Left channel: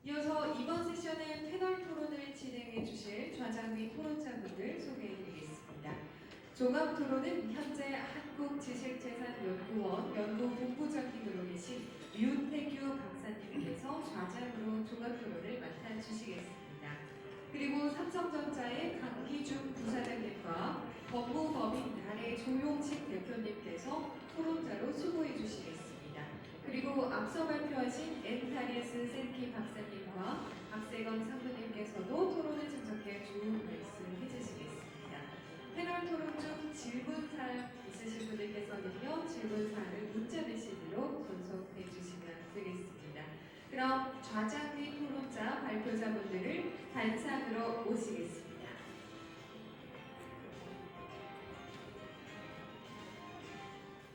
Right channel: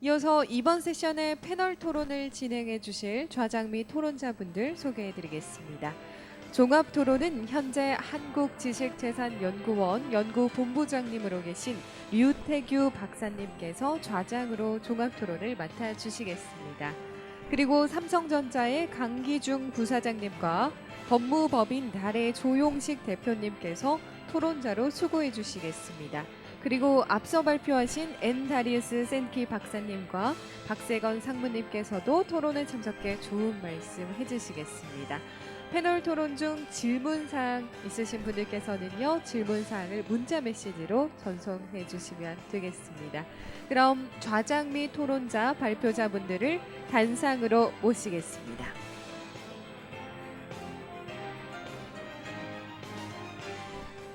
이어서 이번 세션의 패널 토론을 진행해 주실 좌장 및 토론자분들 소개해 드리겠습니다. 종합 토론은 현재 한국지식재산연구원 연구본부장님으로 계신 류태규 박사님께서 좌장으로 종합 토론을 맡아 주시겠습니다. 그리고 삼성전자의 강기중 부사장님과 법무법인 달의 조용식 대표님께서 토론자로 수고해 주시겠습니다. 그리고 앞서 발표하신 엔다리우스 센키 박사님과 박세건 상무님께서도 토론에 참석해 좋은 말씀 해주시겠습니다. 패널 토론 중 질문사항 있으신 분들께서는요, 질문사항을 문자 메시지로 전송해 주시면 되겠습니다. 그럼 좌장 및 토론자 발표자분들을 단상으로 모시겠습니다.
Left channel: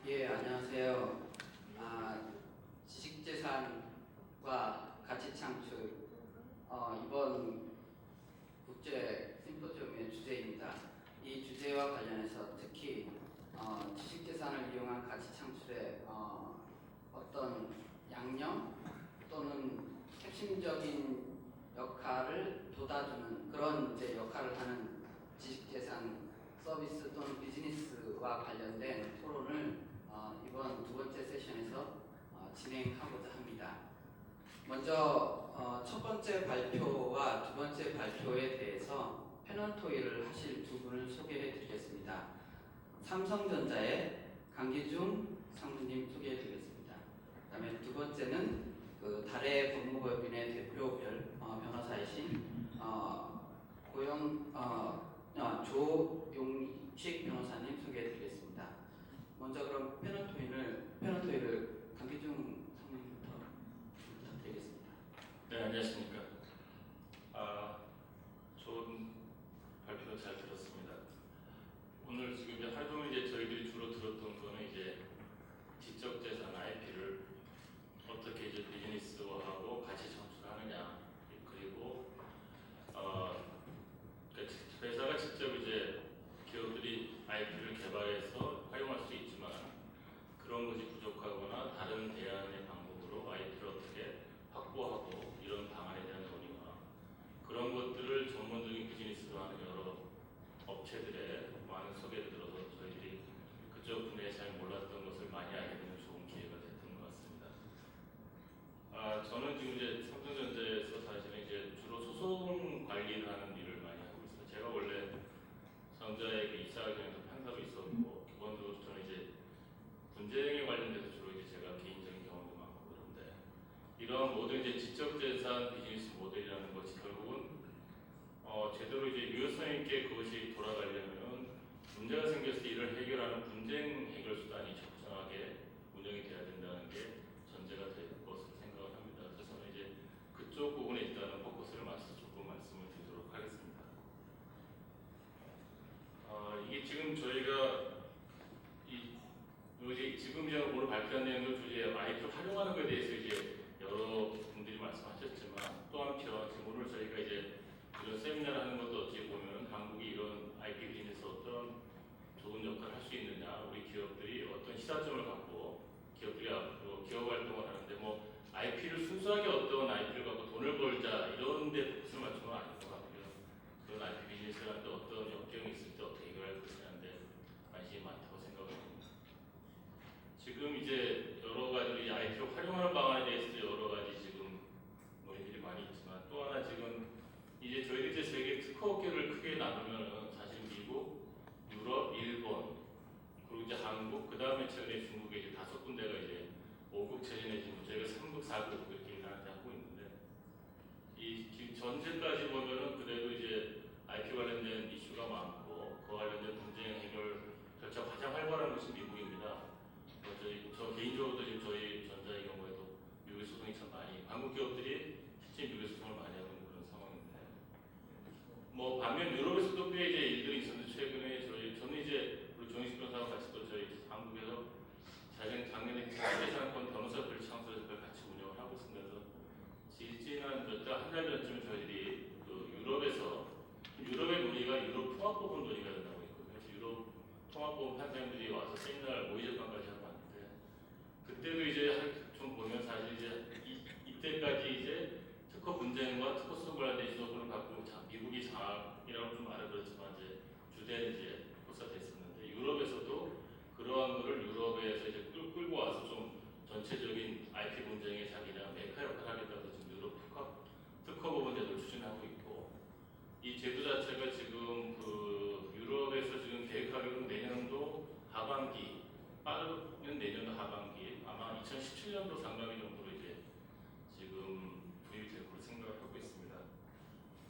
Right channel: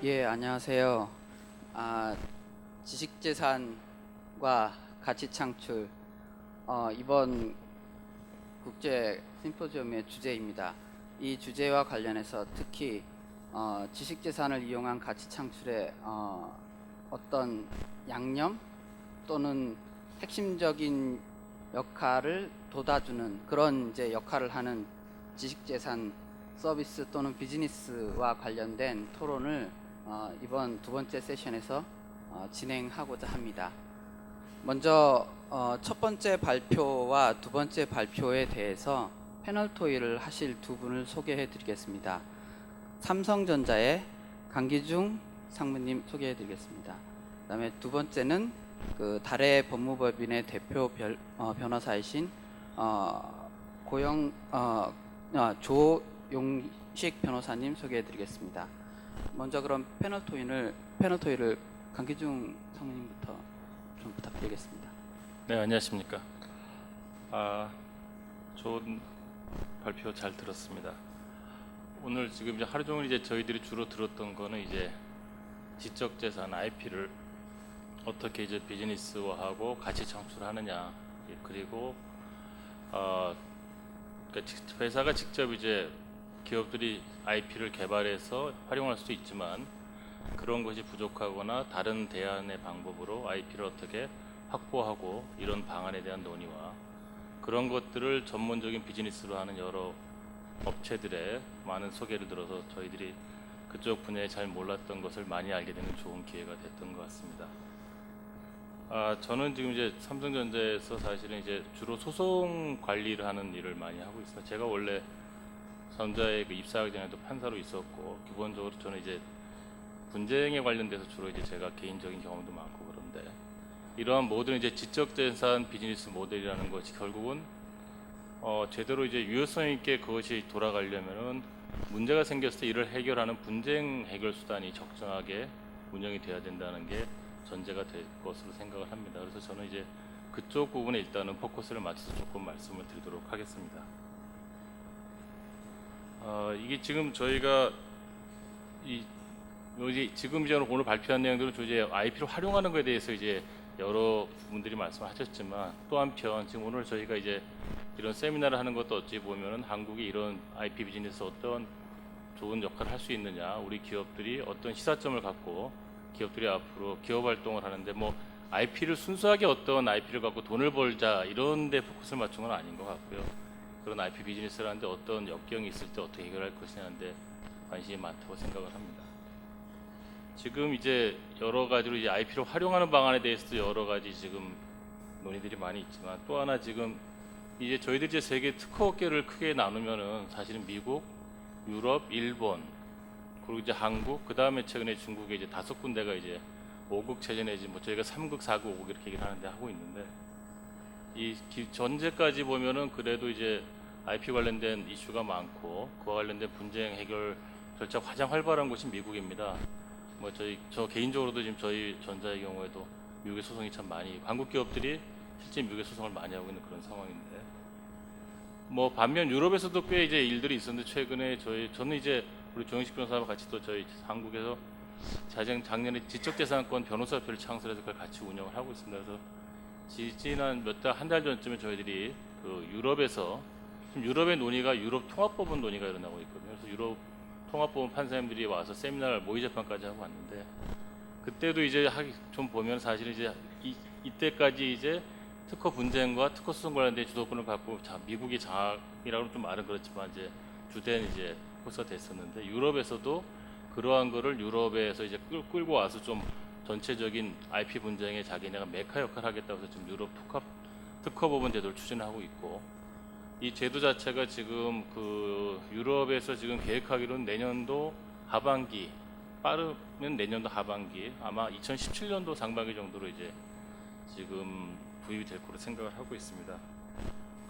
예, 안녕하세요. 지식재산과 가치창출 이번 국제 심포지엄의 주제입니다. 이 주제와 관련해서 특히 지식재산을 이용한 가치창출의 어떤 양념 또는 핵심적인 역할을 돋아주는 그런 이제 역할을 하는 지식재산 서비스 또는 비즈니스와 관련된 토론을 이번 두 번째 세션에서 진행하고자 합니다. 먼저 첫 번째 발표와 두 번째 발표에 대해서 패널 토의를 하실 두 분을 소개해 드리겠습니다. 삼성전자의 강기중 상무님 소개해 드리겠습니다. 그 다음에 두 번째는 그 달의 법무법인의 대표 변호사이신 조용식 변호사님 소개해 드리겠습니다. 먼저 그럼 패널 토의를 강기중 상무님부터 좀 부탁드리겠습니다. 네, 안녕하십니까. 좋은 발표 잘 들었습니다. 오늘 지금 이제 하루 종일 이제 저희들이 주로 들었던 거는 이제 지적재산 IP를 어떻게 이제 비즈니스화하고 가치 창출하느냐, 그리고 그러니까 회사가 직접 이제 기업들이 IP를 개발해서 활용할 수도 있지만 그런 것이 부족하거나 다른 대안의 방법으로 IP를 어떻게 확보하고 이런 방안에 대한 논의와 그런 것들을 전문적인 비즈니스로 하는 여러 업체들의 많은 소개를 들어서 저희들이 그쪽 분야에 잘 몰랐던 것을 많이 알게 되는 좋은 기회가 됐던 것 같습니다. 저는 지금 이제 삼성전자에서 사실은 이제 주로 소송 관리를 하는 일을 많이 하고 있어요. 제가 원래 전자에 입사하기 전에도 판사로 있었고 기본적으로 저는 이제 분쟁에 관련돼서 주로 이제 제가 개인적인 경험도 많고 그런데 이러한 모든 이제 지적재산 비즈니스 모델이라는 것이 결국은 제대로 이제 유효성 있게 그것이 돌아가려면은 문제가 생겼을 때 이를 해결하는 분쟁 해결 수단이 적정하게 운영이 돼야 된다는 게 전제가 될 것으로 생각을 합니다. 그래서 저는 이제 그쪽 부분에 일단은 포커스를 맞춰서 조금 말씀을 드리도록 하겠습니다. 이게 지금 저희가 여기 지금 이제 오늘 발표한 내용들은 이제 IP를 활용하는 것에 대해서 이제 여러 분들이 말씀하셨지만 또 한편 지금 오늘 저희가 이제 이런 세미나를 하는 것도 어찌 보면은 한국이 이런 IP 비즈니스 어떤 좋은 역할을 할 수 있느냐, 우리 기업들이 어떤 시사점을 갖고 기업들이 앞으로 기업 활동을 하는데 뭐 IP를 순수하게 어떤 IP를 갖고 돈을 벌자 이런 데 포커스를 맞춘 건 아닌 것 같고요. 그런 IP 비즈니스를 하는데 어떤 역경이 있을 때 어떻게 해결할 것이냐는데 관심이 많다고 생각을 합니다. 지금 이제 여러 가지로 이제 IP를 활용하는 방안에 대해서도 여러 가지 지금 논의들이 많이 있지만 또 하나 지금 이제 저희들 이제 세계 특허 업계를 크게 나누면은 사실은 미국, 유럽, 일본 그리고 이제 한국, 그 다음에 최근에 중국에 이제 5군데가 이제 5국 체제 내지 뭐 저희가 3국, 4국, 5국 이렇게 얘기를 하는데 하고 있는데 이 전제까지 보면은 그래도 이제 IP 관련된 이슈가 많고 그와 관련된 분쟁 해결 절차가 가장 활발한 곳이 미국입니다. 뭐 저 개인적으로도 지금 저희 전자의 경우에도 미국의 소송이 참 많이 한국 기업들이 실제 미국의 소송을 많이 하고 있는 그런 상황인데 뭐 반면 유럽에서도 꽤 이제 일들이 있었는데 최근에 저는 이제 우리 조영식 변호사와 같이 또 저희 한국에서 작년에 지적재산권 변호사협회를 창설해서 그걸 같이 운영을 하고 있습니다. 그래서 지난 한 달 전쯤에 저희들이 그 유럽에서 유럽의 논의가 유럽 통합법원 논의가 일어나고 있거든요. 그래서 유럽 통합법원 판사님들이 와서 세미나를 모의 재판까지 하고 왔는데 그때도 이제 좀 보면 사실 이제 이때까지 이제 특허 분쟁과 특허 소송 관련된 주도권을 갖고 미국이 장악이라고 좀 말은 그렇지만 이제 주된 이제 코스가 됐었는데 유럽에서도 그러한 거를 유럽에서 이제 끌고 와서 좀 전체적인 IP 분쟁에 자기네가 메카 역할을 하겠다고 해서 지금 유럽 특허법원 제도를 추진하고 있고 이 제도 자체가 지금 그 유럽에서 지금 계획하기로는 내년도 하반기 빠르면 내년도 하반기 아마 2017년도 상반기 정도로 이제 지금 도입이 될 거로 생각을 하고 있습니다.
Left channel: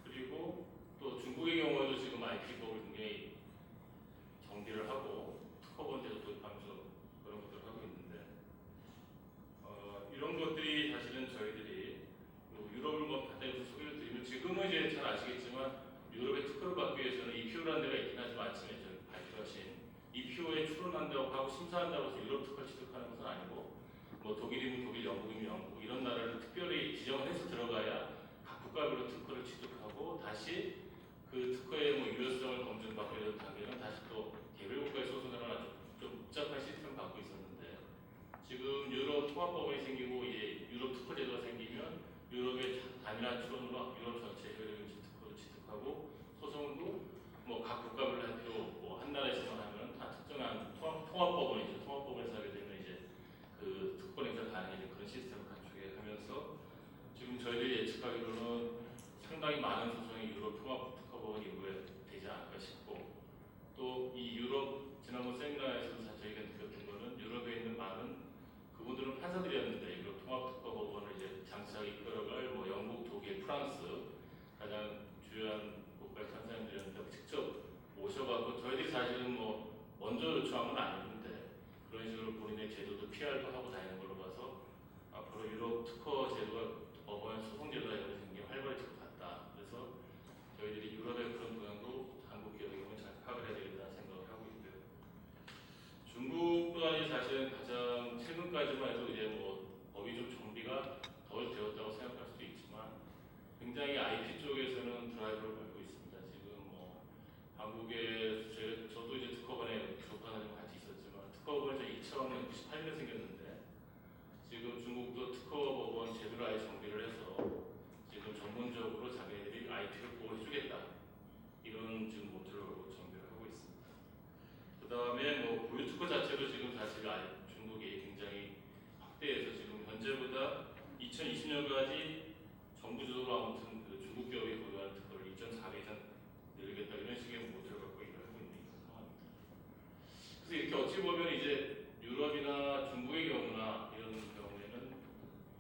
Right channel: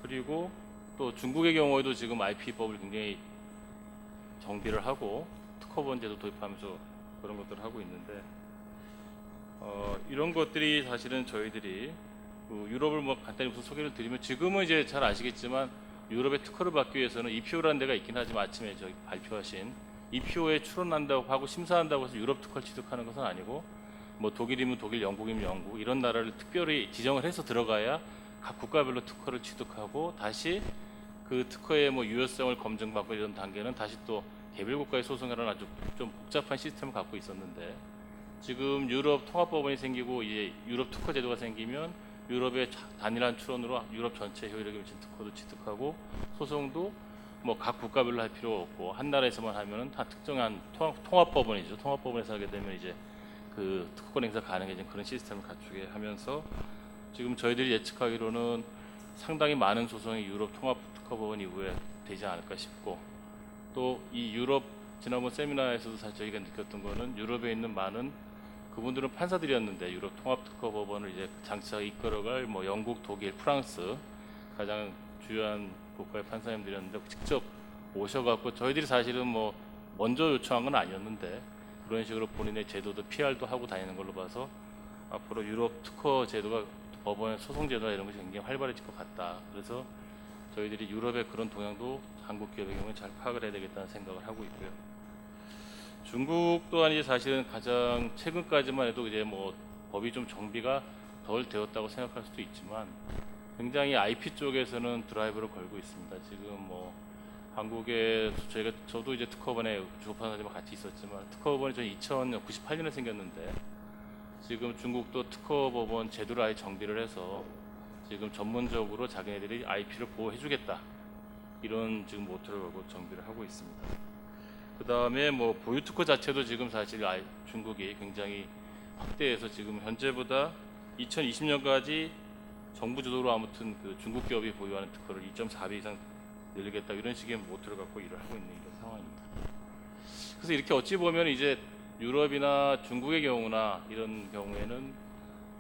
그리고 또 중국의 경우에도 지금 IP법을 굉장히 정비를 하고 특허법 제도 도입하면서 그런 것들을 하고 있는데 이런 것들이 사실은 저희들이 그 유럽을 뭐 간단히 우선 소개를 드리면 지금은 이제 잘 아시겠지만 유럽의 특허를 받기 위해서는 EPO라는 데가 있긴 하지만 아침에 저기 발표하신 EPO에 출원한다고 하고 심사한다고 해서 유럽 특허를 취득하는 것은 아니고 뭐 독일이면 독일, 영국이면 영국 이런 나라를 특별히 지정을 해서 들어가야 각 국가별로 특허를 취득하고 다시 그 특허의 뭐 유효성을 검증받고 이런 단계는 다시 또 개별 국가의 소송이라는 아주 좀 복잡한 시스템을 갖고 있었는데 지금 유럽 통합법원이 생기고 이제 유럽 특허 제도가 생기면 유럽의 단일한 출원으로 유럽 전체 효력에 미친 특허도 취득하고 소송도 뭐 각 국가별로 할 필요가 없고 한 나라에서만 하면은 다 특정한 통합법원이죠. 통합법원에서 하게 되면 이제 그 특허권 행사 가능해진 그런 시스템을 갖추게 하면서 지금 저희들이 예측하기로는 상당히 많은 소송이 유럽 통합 특허법원 이후에 되지 않을까 싶고 또 이 유럽 지난번 세미나에서도 사실 저희가 느꼈던 거는 유럽에 있는 많은 그분들은 판사들이었는데 유럽 통합 특허법원을 이제 장차 이끌어갈 뭐 영국, 독일, 프랑스 가장 주요한 국가의 판사님들이었는데 직접 오셔갖고 저희들이 사실은 뭐 먼저 요청한 건 아니었는데 그런 식으로 본인의 제도도 PR도 하고 다니는 걸로 봐서 앞으로 유럽 특허 제도가 법원 소송 제도나 이런 것이 굉장히 활발해질 것 같다. 그래서 저희들이 유럽의 그런 동향도 한국 기업의 경우에 잘 파악을 해야 되겠다는 생각을 하고 있고요. 중국 또한 이제 사실은 가장 최근까지만 해도 이제 뭐 법이 좀 정비가 덜 되었다고 생각할 수도 있지만 굉장히 IP 쪽에서는 드라이브를 걸고 있습니다. 지금 뭐 한국에 저도 이제 특허법원에 주목판사님과 같이 있었지만 특허법원이 저희 2098년에 생겼는데 지금 중국도 특허법원 제도를 아예 정비를 해서 지금 전문적으로 자기네들이 IP를 보호해주겠다 이런 지금 모토를 걸고 정비를 하고 있습니다. 그 다음에 뭐 보유 특허 자체도 지금 사실 중국이 굉장히 확대해서 지금 현재보다 2020년까지 정부 주도로 아무튼 그 중국 기업이 보유하는 특허를 2.4배 이상 늘리겠다 이런 식의 모토를 갖고 일을 하고 있는 이런 상황입니다. 그래서 이렇게 어찌 보면 이제 유럽이나 중국의 경우나 이런 경우에는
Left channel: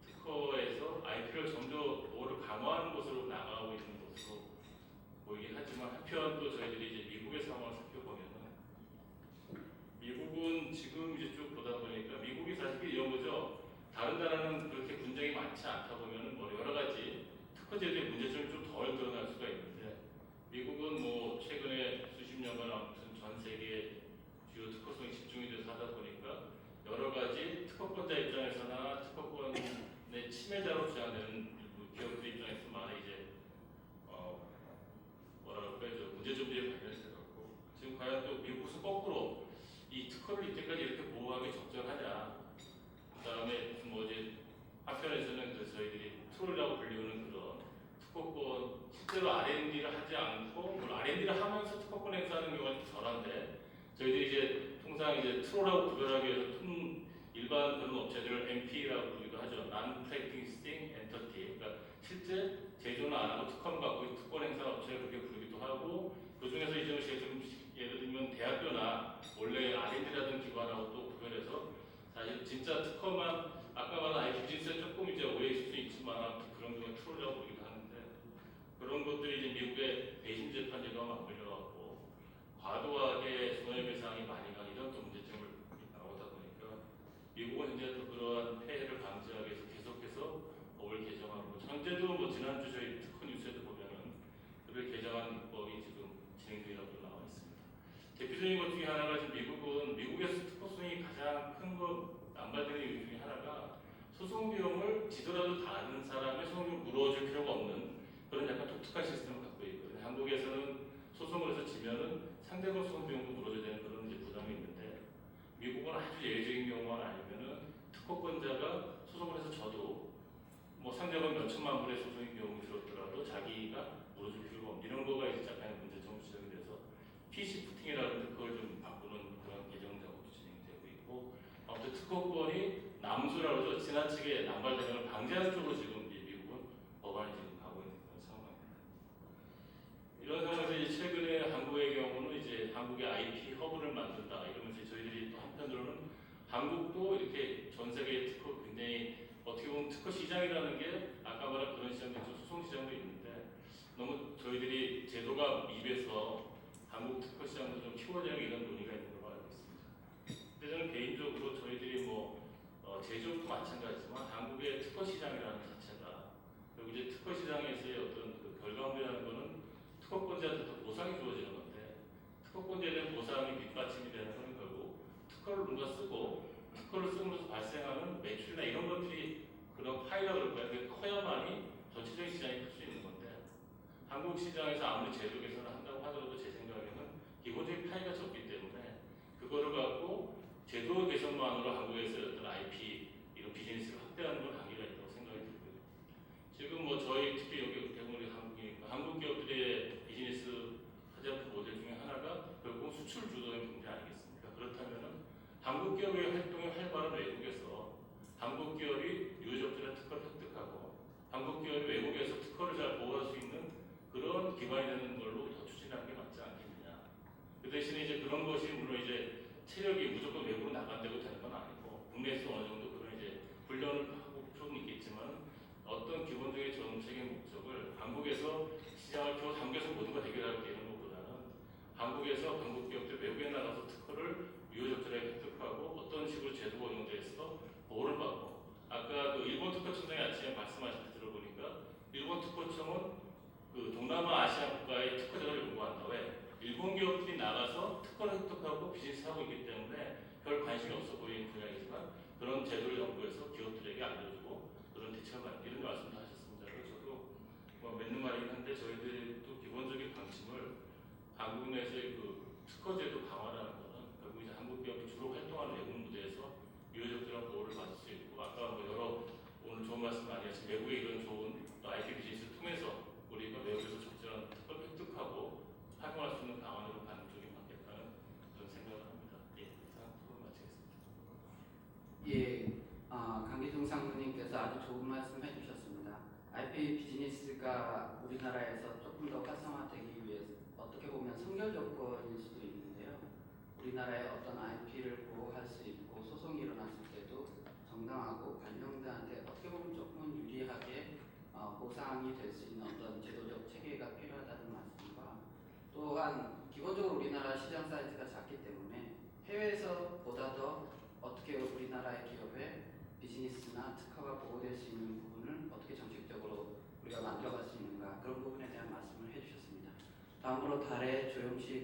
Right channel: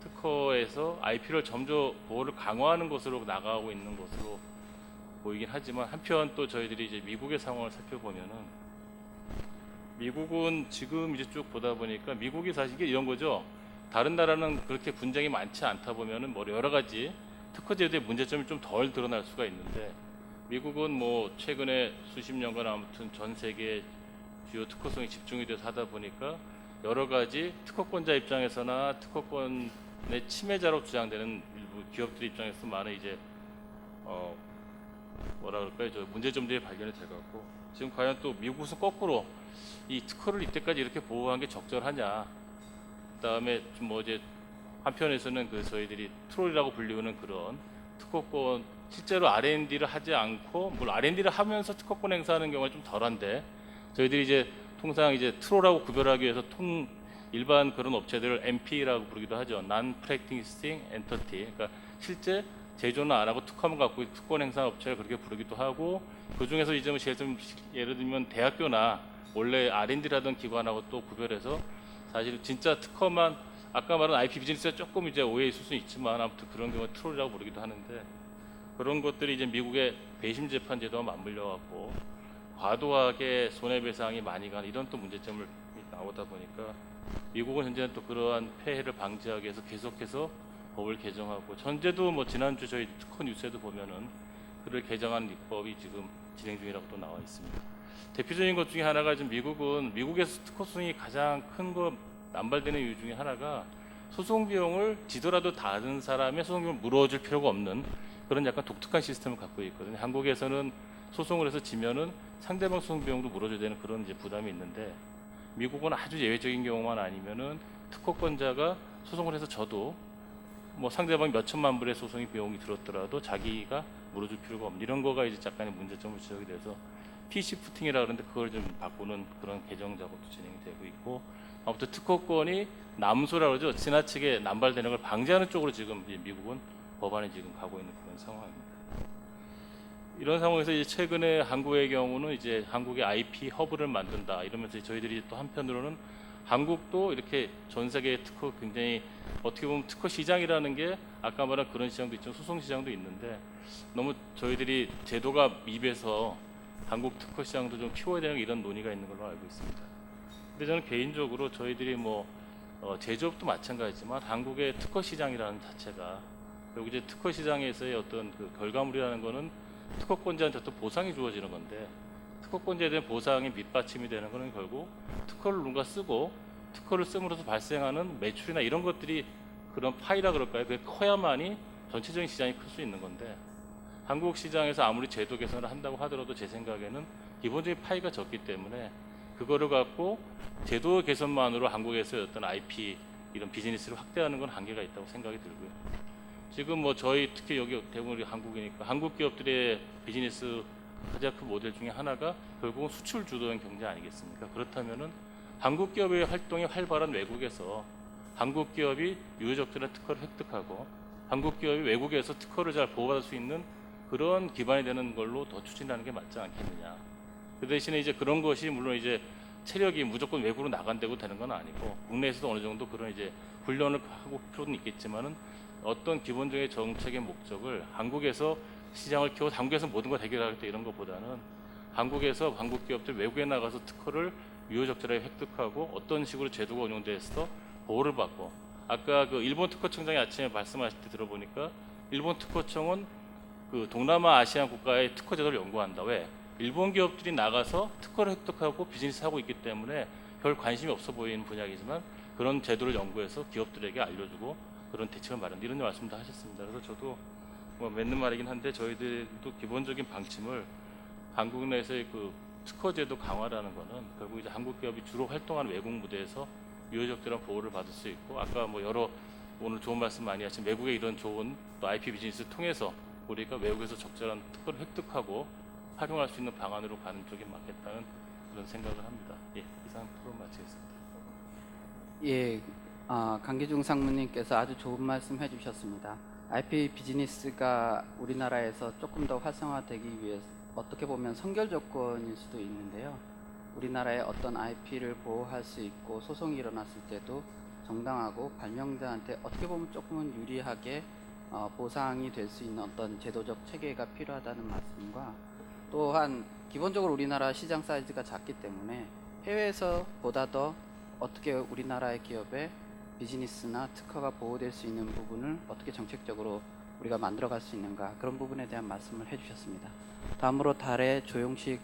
특허에서 IP를 점점 보호를 강화하는 것으로 나가고 있는 것으로 보이긴 하지만 한편 또 저희들이 이제 미국의 상황을 살펴보면은 미국은 지금 이제 쭉 보다 보니까 미국이 사실 이런 거죠. 다른 나라는 그렇게 분쟁이 많지 않다 보면은 뭐 여러 가지 특허 제도의 문제점이 좀 덜 드러날 수가 있는데 미국은 뭐 최근에 수십 년간 아무튼 전 세계 주요 특허성이 집중이 돼서 하다 보니까 여러 가지 특허권자 입장에서나 특허권의 침해자로 주장되는 일부 기업들 입장에서 많은 이제 뭐라 그럴까요? 저 문제점들이 발견이 돼갖고 지금 과연 또 미국은 거꾸로 이 특허를 이때까지 이렇게 보호한 게 적절하냐? 그다음에 좀 뭐 이제 한편에서는 그 저희들이 트롤이라고 불리우는 그런 특허권 실제로 R&D를 하지 않고 물론 R&D를 하면서 특허권 행사하는 경우가 좀 덜한데 저희들이 이제 통상 이제 트롤하고 구별하기 위해서 일반 그런 업체들을 NP라고 부르기도 하죠. Non-Practicing Entity. 그러니까 실제 제조는 안 하고 특허만 갖고 특권 행사 업체를 그렇게 부르기도 하고 그 중에서 이제 예를 들면 대학교나 원래 R&D를 하던 기관하고 또 구별해서 사실 진짜 특허만 아까 말한 IP 비즈니스에 조금 이제 오해 있을 수 있지만 아무튼 그런 경우 트롤이라고 부르기도 하는데 그런 것들이 이제 미국의 배심 재판 제도와 맞물려 갖고 과도하게 손해배상이 많이 가는 이런 또 문제점을 나오다 보니까 미국은 현재 또 그러한 폐해를 방지하기 위해서 계속해서 법을 개정하고 현재도 뭐 지난주 저희 특허 뉴스에도 보면은 그를 개정한 입법이 지금 진행 중이라고 또 나와 있습니다. 대표적인 것 중에 하나가 지금 미국에서 특허 소송이 가장 큰 거 남발되는 이유 중에 하나가 소송 비용을 지더라도 다른 사람의 소송 비용을 물어줄 필요가 없는 그런 약간 독특한 시스템을 갖고 있거든요. 한국에서는 소송을 해서 지면은 상대방 소송 비용도 물어줘야 되는 그런 이제 부담이 있는데 미국은 아주 예외적인 경우만 아니면은 특허권자가 소송을 해서 져도 뭐 상대방 몇 천만 불의 소송이 비용이 들었더라도 자기가 물어줄 필요가 없는 이런 거가 이제 약간의 문제점을 지적이 돼서 PC 푸팅이라 그러는데 그걸 좀 바꾸는 그런 개정 작업도 진행이 되고 있고 아무튼 특허권이 남소라 그러죠. 지나치게 남발되는 걸 방지하는 쪽으로 지금 이제 미국은 법안에 지금 가고 있는 그런 상황입니다. 이런 상황에서 이제 최근에 한국의 경우는 이제 한국의 IP 허브를 만든다 이러면서 저희들이 또 한편으로는 한국도 이렇게 전 세계 특허 굉장히 어떻게 보면 특허 시장이라는 게 아까 말한 그런 시장도 있지만 소송 시장도 있는데 너무 저희들이 제도가 미비해서 한국 특허 시장도 좀 키워야 되는 이런 논의가 있는 걸로 알고 있습니다. 근데 저는 개인적으로 저희들이 뭐 제조업도 마찬가지지만 한국의 특허 시장이라는 자체가 그리고 이제 특허 시장에서의 어떤 그 결과물이라는 거는 특허권자한테 어떤 보상이 주어지는 건데 특허권자에 대한 보상이 밑받침이 되는 거는 결국 특허를 누군가 쓰고 특허를 씀으로써 발생하는 매출이나 이런 것들이 그런 파이라 그럴까요? 그게 커야만이 전체적인 시장이 클 수 있는 건데 한국 시장에서 아무리 제도 개선을 한다고 하더라도 제 생각에는 기본적인 파이가 적기 때문에 그거를 갖고 제도 개선만으로 한국에서 어떤 IP 이런 비즈니스를 확대하는 건 한계가 있다고 생각이 들고요. 지금 뭐 저희 특히 여기 대부분 한국이니까 한국 기업들의 비즈니스 가장 큰 모델 중에 하나가 결국은 수출 주도형 경제 아니겠습니까? 그렇다면은 한국 기업의 활동이 활발한 외국에서 한국 기업이 유효적절한 특허를 획득하고 한국 기업이 외국에서 특허를 잘 보호받을 수 있는 그런 기반이 되는 걸로 더 추진하는 게 맞지 않겠느냐. 그 대신에 이제 그런 것이 물론 이제 체력이 무조건 외국으로 나간다고 되는 건 아니고 국내에서도 어느 정도 그런 이제 훈련을 하고 필요는 있겠지만은 어떤 기본적인 정책의 목적을 한국에서 시장을 키워 한국에서 모든 걸 해결할 때 이런 것보다는 한국에서 한국 기업들 외국에 나가서 특허를 유효적절하게 획득하고 어떤 식으로 제도가 운영돼서 보호를 받고 아까 그 일본 특허청장이 아침에 말씀하실 때 들어보니까 일본 특허청은 그 동남아 아시안 국가의 특허 제도를 연구한다. 왜? 일본 기업들이 나가서 특허를 획득하고 비즈니스 하고 있기 때문에 별 관심이 없어 보이는 분야이지만 그런 제도를 연구해서 기업들에게 알려주고 그런 대책을 마련 이런 말씀도 하셨습니다. 그래서 저도 뭐 맞는 말이긴 한데 저희들도 기본적인 방침을 한국 내에서의 그 특허 제도 강화라는 거는 결국 이제 한국 기업이 주로 활동하는 외국 무대에서 유효적절한 보호를 받을 수 있고 아까 뭐 여러 오늘 좋은 말씀 많이 하신 외국의 이런 좋은 또 IP 비즈니스를 통해서 우리가 외국에서 적절한 특허를 획득하고 활용할 수 있는 방안으로 가는 쪽이 맞겠다는 그런 생각을 합니다. 예, 이상 토론 마치겠습니다. 예, 강기중 상무님께서 아주 좋은 말씀 해주셨습니다. IP 비즈니스가 우리나라에서 조금 더 활성화되기 위해서 어떻게 보면 선결 조건일 수도 있는데요. 우리나라의 어떤 IP를 보호할 수 있고 소송이 일어났을 때도 정당하고 발명자한테 어떻게 보면 조금은 유리하게 보상이 될 수 있는 어떤 제도적 체계가 필요하다는 말씀과 또한 기본적으로 우리나라 시장 사이즈가 작기 때문에 해외에서 보다 더 어떻게 우리나라의 기업의 비즈니스나 특허가 보호될 수 있는 부분을 어떻게 정책적으로 우리가 만들어갈 수 있는가 그런 부분에 대한 말씀을 해주셨습니다. 다음으로 달의 조용식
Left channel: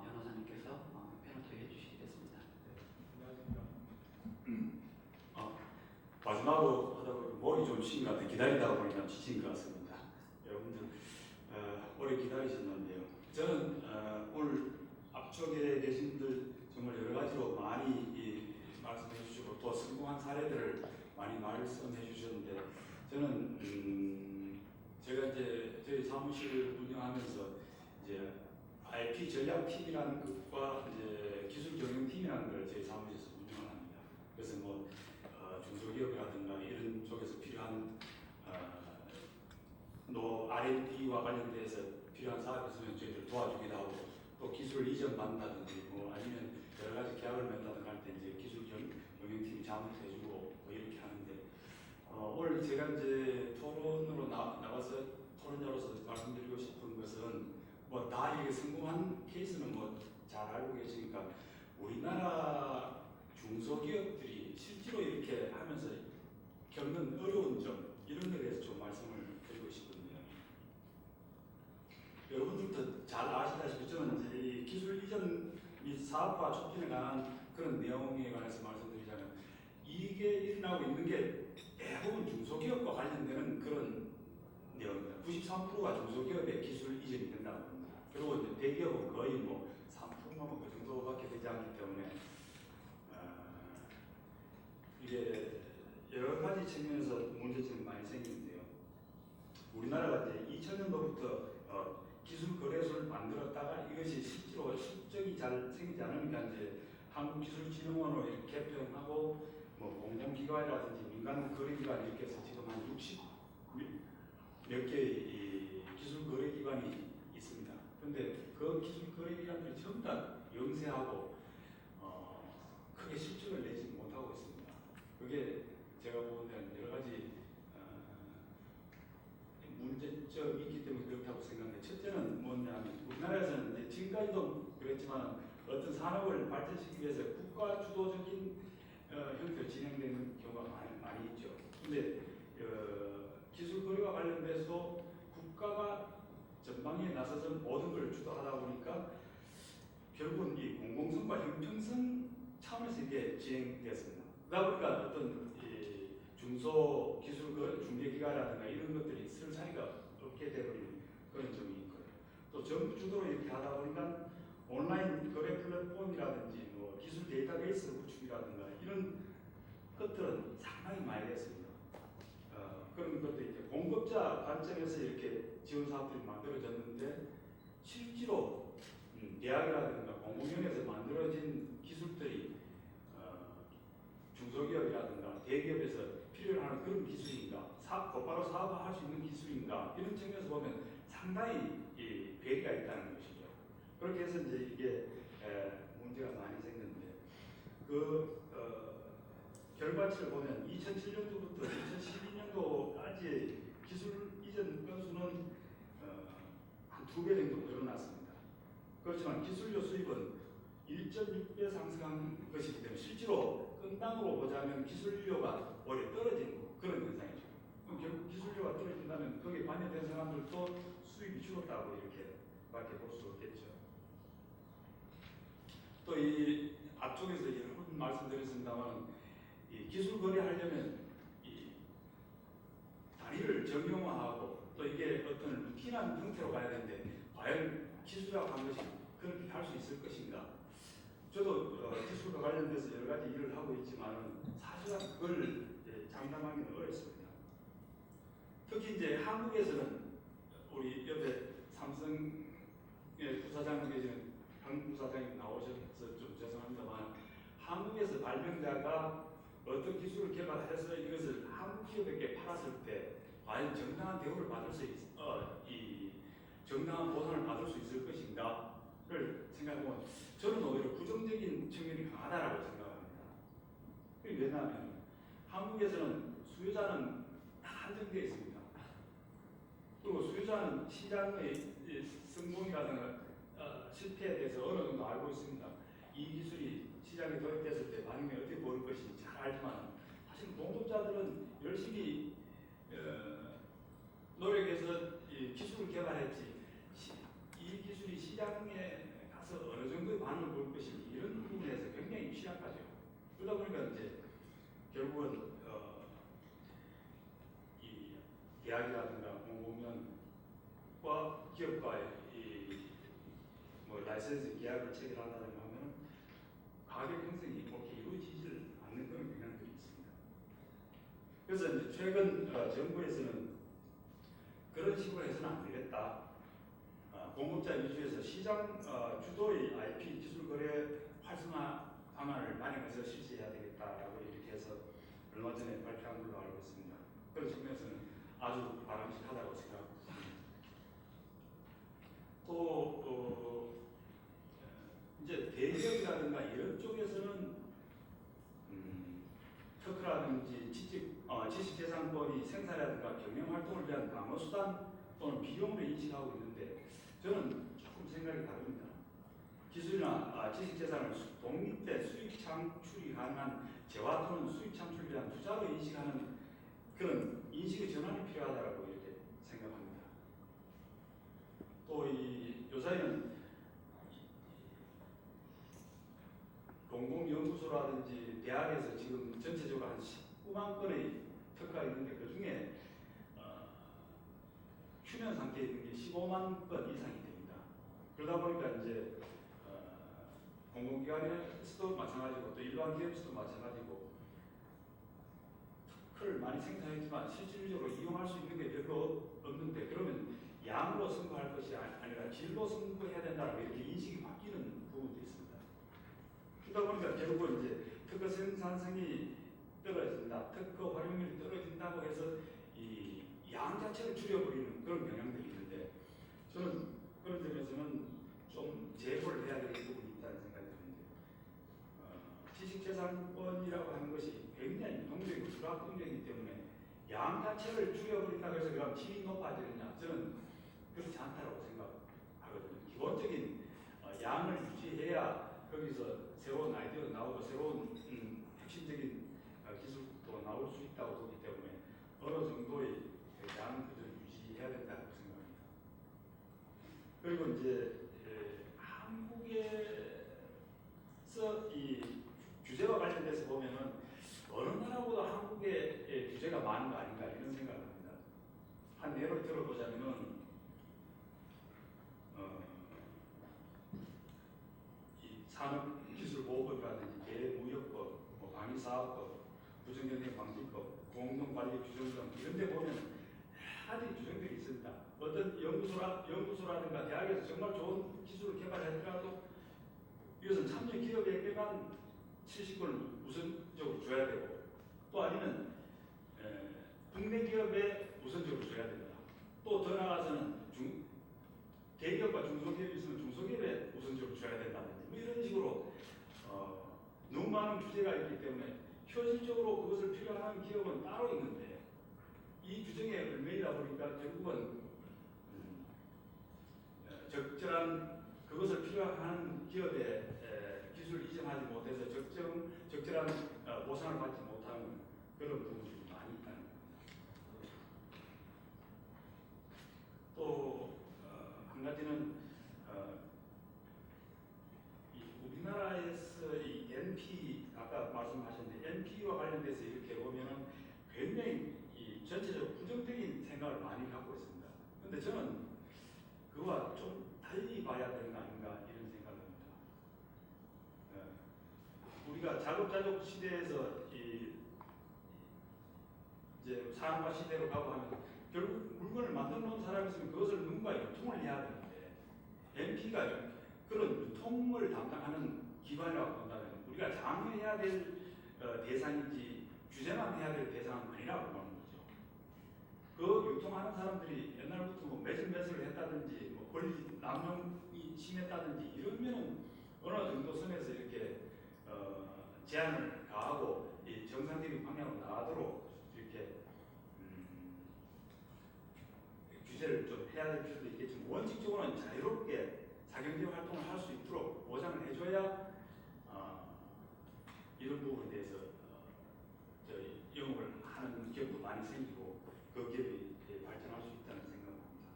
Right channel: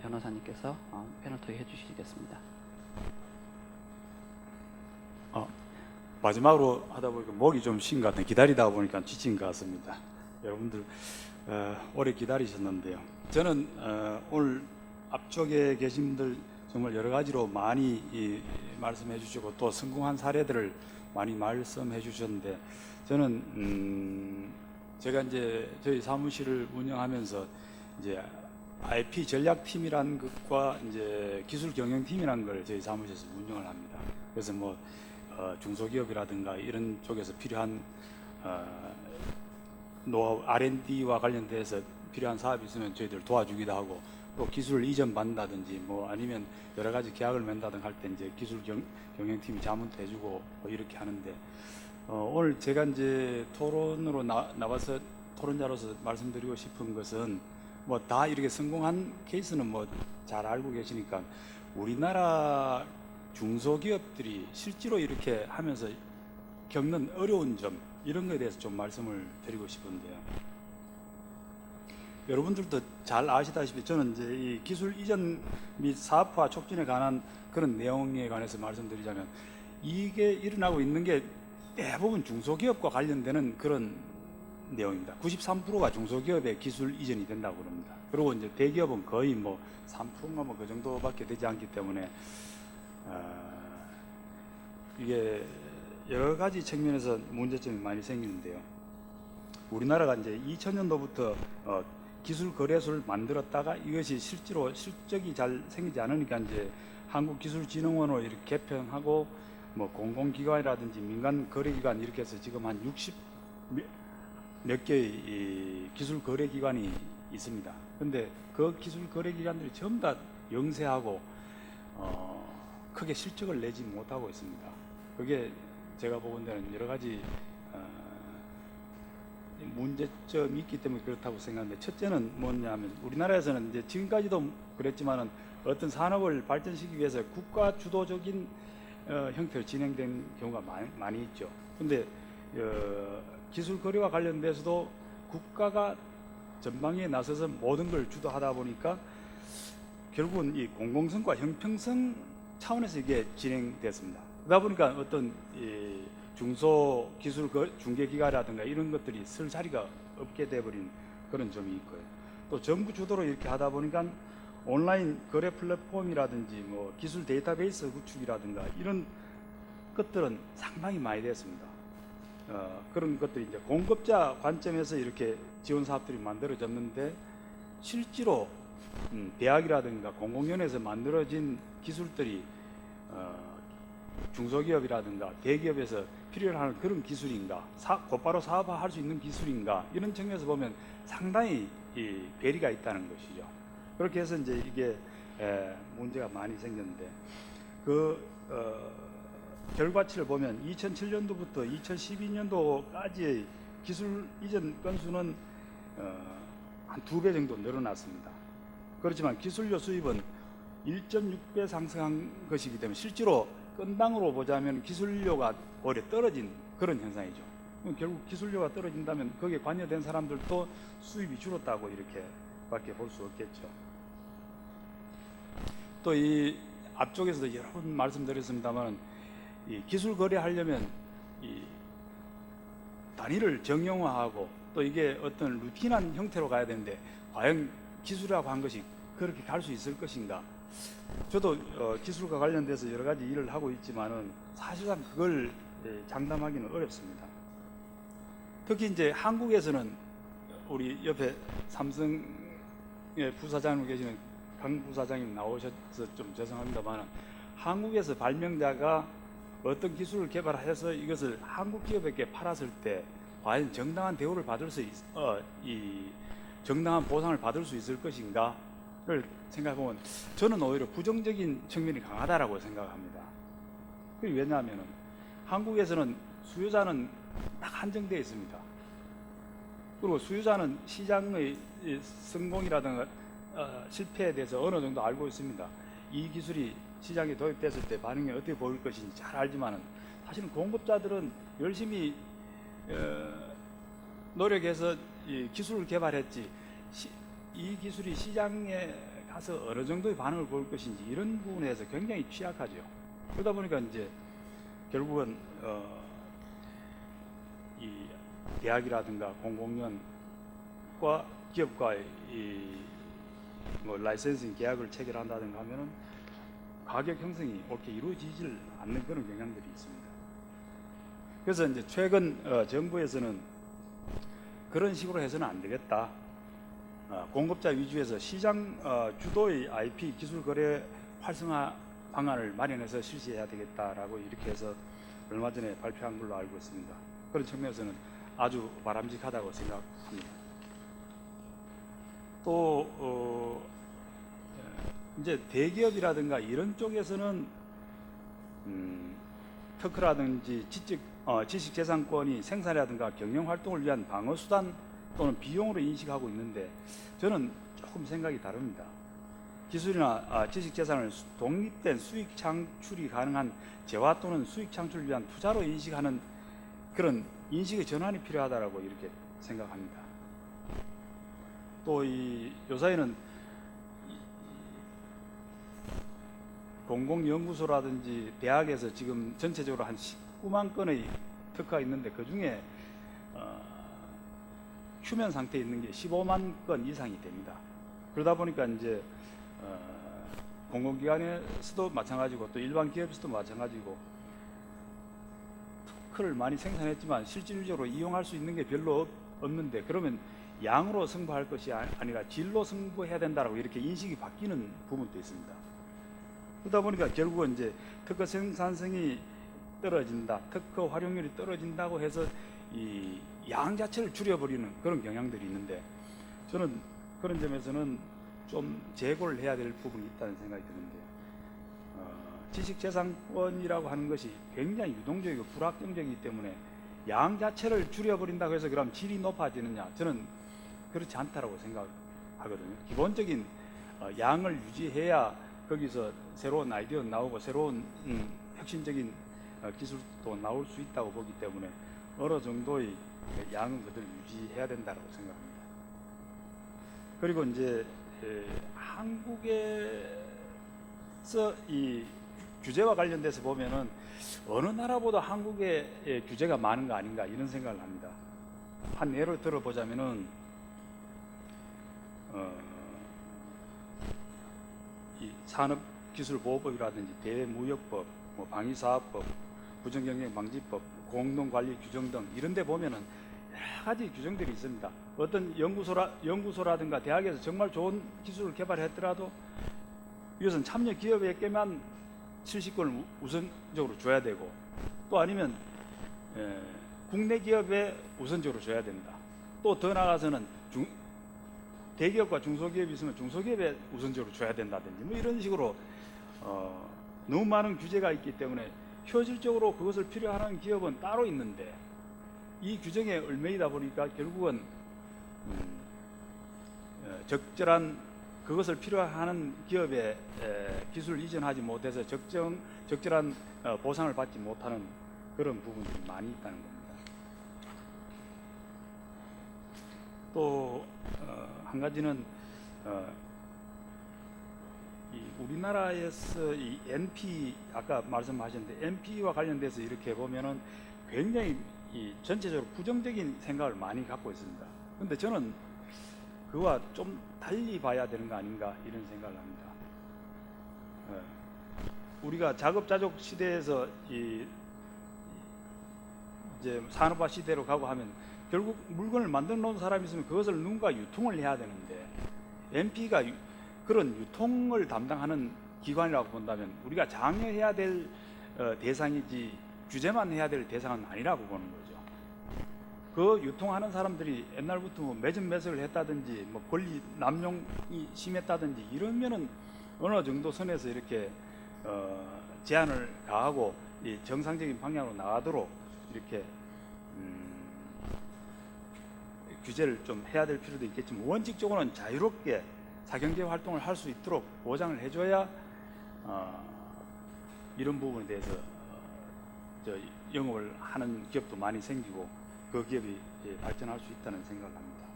변호사님께서 패널 토의 해주시겠습니다. 마지막으로 하다 보니까 목이 좀 쉰 것 같아요. 기다리다 보니까 지친 것 같습니다. 여러분들 오래 기다리셨는데요. 저는 오늘 앞쪽에 계신 분들 정말 여러 가지로 많이 말씀해 주시고 또 성공한 사례들을 많이 말씀해 주셨는데 저는 제가 이제 저희 사무실을 운영하면서 이제 IP 전략팀이라는 것과 이제 기술 경영팀이라는 걸 저희 사무실에서 운영을 합니다. 그래서 뭐 중소기업이라든가 이런 쪽에서 필요한 노하우 R&D와 관련돼서 필요한 사업이 있으면 저희들 도와주기도 하고 또 기술을 이전받는다든지 뭐 아니면 여러 가지 계약을 맺는다든가 할 때 이제 기술 경영팀이 자문도 해주고 뭐 이렇게 하는데 오늘 제가 이제 토론으로 나와서 토론자로서 말씀드리고 싶은 것은 뭐 다 이렇게 성공한 케이스는 뭐 잘 알고 계시니까 우리나라 중소기업들이 실제로 이렇게 하면서 겪는 어려운 점 이런 거에 대해서 좀 말씀을 드리고 싶은데요. 여러분들도 잘 아시다시피 저는 이제 이 기술 이전 및 사업화 촉진에 관한 그런 내용에 관해서 말씀드리자면 이게 일어나고 있는 게 대부분 중소기업과 관련되는 그런 내용입니다. 93%가 중소기업의 기술 이전이 된다고 그럽니다. 그리고 이제 대기업은 거의 뭐 3%가 뭐 그 정도밖에 되지 않기 때문에 이게 여러 가지 측면에서 문제점이 많이 생기는데요. 우리나라가 이제 2000년도부터 기술 거래소를 만들었다가 이것이 실제로 실적이 잘 생기지 않으니까 이제 한국기술진흥원으로 이렇게 개편하고 뭐 공공기관이라든지 민간 거래기관 이렇게 해서 지금 한 60 몇 개의 이 기술 거래기관이 있습니다. 근데 그 기술 거래기관들이 전부 다 영세하고 크게 실적을 내지 못하고 있습니다. 그게 제가 보건대는 여러 가지 문제점이 있기 때문에 그렇다고 생각하는데, 첫째는 뭐냐면 우리나라에서는 이제 지금까지도 그랬지만은 어떤 산업을 발전시키기 위해서 국가 주도적인 형태로 진행된 경우가 많이 있죠. 근데 기술 거래와 관련돼서도 국가가 전방위에 나서서 모든 걸 주도하다 보니까 결국은 이 공공성과 형평성 차원에서 이게 진행됐습니다. 그러다 보니까 어떤 이 중소기술 중개기관이라든가 이런 것들이 쓸 자리가 없게 돼버린 그런 점이 있고요. 또 정부 주도로 이렇게 하다 보니까 온라인 거래 플랫폼이라든지 뭐 기술 데이터베이스 구축이라든가 이런 것들은 상당히 많이 됐습니다. 그런 것들이 이제 공급자 관점에서 이렇게 지원 사업들이 만들어졌는데, 실제로 대학이라든가 공공연에서 만들어진 기술들이 중소기업이라든가 대기업에서 필요로 하는 그런 기술인가, 곧바로 사업화할 수 있는 기술인가, 이런 측면에서 보면 상당히 이 괴리가 있다는 것이죠. 그렇게 해서 이제 이게 문제가 많이 생겼는데, 결과치를 보면 2007년도부터 2012년도까지의 기술 이전 건수는 한 2배 정도 늘어났습니다. 그렇지만 기술료 수입은 1.6배 상승한 것이기 때문에 실제로 건당으로 보자면 기술료가 오히려 떨어진 그런 현상이죠. 결국 기술료가 떨어진다면 거기에 관여된 사람들도 수입이 줄었다고 이렇게밖에 볼 수 없겠죠. 또 이 앞쪽에서도 여러 번 말씀드렸습니다만, 이 기술 거래하려면 이 단위를 정형화하고 또 이게 어떤 루틴한 형태로 가야 되는데, 과연 기술이라고 한 것이 그렇게 갈 수 있을 것인가? 저도 기술과 관련돼서 여러 가지 일을 하고 있지만은 사실상 그걸 장담하기는 어렵습니다. 특히 이제 한국에서는 우리 옆에 삼성의 부사장으로 계시는 강 부사장님 나오셔서 좀 죄송합니다만, 한국에서 발명자가 어떤 기술을 개발해서 이것을 한국 기업에게 팔았을 때 과연 정당한 대우를 받을 수 정당한 보상을 받을 수 있을 것인가를 생각해보면 저는 오히려 부정적인 측면이 강하다라고 생각합니다. 그게 왜냐하면 한국에서는 수요자는 딱 한정되어 있습니다. 그리고 수요자는 시장의 성공이라든가 실패에 대해서 어느 정도 알고 있습니다. 이 기술이 시장에 도입됐을 때 반응이 어떻게 보일 것인지 잘 알지만, 사실은 공급자들은 열심히 노력해서 이 기술을 개발했지 이 기술이 시장에 가서 어느 정도의 반응을 보일 것인지 이런 부분에서 굉장히 취약하죠. 그러다 보니까 이제 결국은 이 대학이라든가 공공연과 기업과의 뭐 라이센싱 계약을 체결한다든가 하면은 가격 형성이 그렇게 이루어지질 않는 그런 경향들이 있습니다. 그래서 이제 최근 정부에서는 그런 식으로 해서는 안 되겠다. 공급자 위주에서 시장 주도의 IP 기술 거래 활성화 방안을 마련해서 실시해야 되겠다라고 이렇게 해서 얼마 전에 발표한 걸로 알고 있습니다. 그런 측면에서는 아주 바람직하다고 생각합니다. 또 이제 대기업이라든가 이런 쪽에서는 특허라든지 지식재산권이 생산이라든가 경영 활동을 위한 방어 수단 또는 비용으로 인식하고 있는데, 저는 조금 생각이 다릅니다. 기술이나 지식재산을 독립된 수익 창출이 가능한 재화 또는 수익 창출을 위한 투자로 인식하는 그런 인식의 전환이 필요하다라고 이렇게 생각합니다. 또 이 요사이는 공공연구소라든지 대학에서 지금 전체적으로 한 19만 건의 특허가 있는데, 그 중에 휴면 상태에 있는 게 15만 건 이상이 됩니다. 그러다 보니까 이제 공공기관에서도 마찬가지고 또 일반 기업에서도 마찬가지고 특허를 많이 생산했지만 실질적으로 이용할 수 있는 게 별로 없는데, 그러면 양으로 승부할 것이 아니라 질로 승부해야 된다라고 이렇게 인식이 바뀌는 부분도 있습니다. 그러다 보니까 결국은 이제 특허 생산성이 떨어진다, 특허 활용률이 떨어진다고 해서 이 양 자체를 줄여버리는 그런 경향들이 있는데, 저는 그런 점에서는 좀 재고를 해야 될 부분이 있다는 생각이 드는데, 지식재산권이라고 하는 것이 굉장히 유동적이고 불확정적이기 때문에 양 자체를 줄여버린다고 해서 그럼 질이 높아지느냐, 저는 그렇지 않다라고 생각하거든요. 기본적인 양을 유지해야 거기서 새로운 아이디어가 나오고 새로운 혁신적인 기술도 나올 수 있다고 보기 때문에 어느 정도의 양은 그대로 유지해야 된다고 생각합니다. 그리고 이제 한국에서 이 규제와 관련돼서 보면은 어느 나라보다 한국의 규제가 많은 거 아닌가 이런 생각을 합니다. 한 예를 들어보자면은 이 산업기술보호법이라든지 대무역법, 뭐 방위사업법, 부정경쟁방지법, 공동관리 규정 등 이런 데 보면은 여러 가지 규정들이 있습니다. 어떤 연구소라든가 대학에서 정말 좋은 기술을 개발했더라도 이것은 참여 기업에게만 70권을 우선적으로 줘야 되고, 또 아니면 국내 기업에 우선적으로 줘야 된다. 또 더 나아가서는 대기업과 중소기업이 있으면 중소기업에 우선적으로 줘야 된다든지 뭐 이런 식으로 너무 많은 규제가 있기 때문에 현실적으로 그것을 필요하는 기업은 따로 있는데 이 규정에 얽매이다 보니까 결국은 적절한 그것을 필요하는 기업에 기술을 이전하지 못해서 적절한 보상을 받지 못하는 그런 부분들이 많이 있다는 겁니다. 또 한 가지는 이 우리나라에서 이 NP 아까 말씀하셨는데 NP와 관련돼서 이렇게 보면은 굉장히 이 전체적으로 부정적인 생각을 많이 갖고 있습니다. 그런데 저는 그와 좀 달리 봐야 되는 거 아닌가 이런 생각을 합니다. 우리가 자급자족 시대에서 이제 산업화 시대로 가고 하면 결국 물건을 만들어 놓은 사람이 있으면 그것을 누군가 유통을 해야 되는데, NP가 그런 유통을 담당하는 기관이라고 본다면 우리가 장려해야 될 대상이지 규제만 해야 될 대상은 아니라고 보는 거죠. 그 유통하는 사람들이 옛날부터 뭐 매점 매석을 했다든지 뭐 권리 남용이 심했다든지 이러면은 어느 정도 선에서 이렇게 제한을 가하고 이 정상적인 방향으로 나가도록 이렇게 규제를 좀 해야 될 필요도 있겠지만, 원칙적으로는 자유롭게 사경제 활동을 할 수 있도록 보장을 해줘야 이런 부분에 대해서 영업을 하는 기업도 많이 생기고 그 기업이 발전할 수 있다는 생각을 합니다.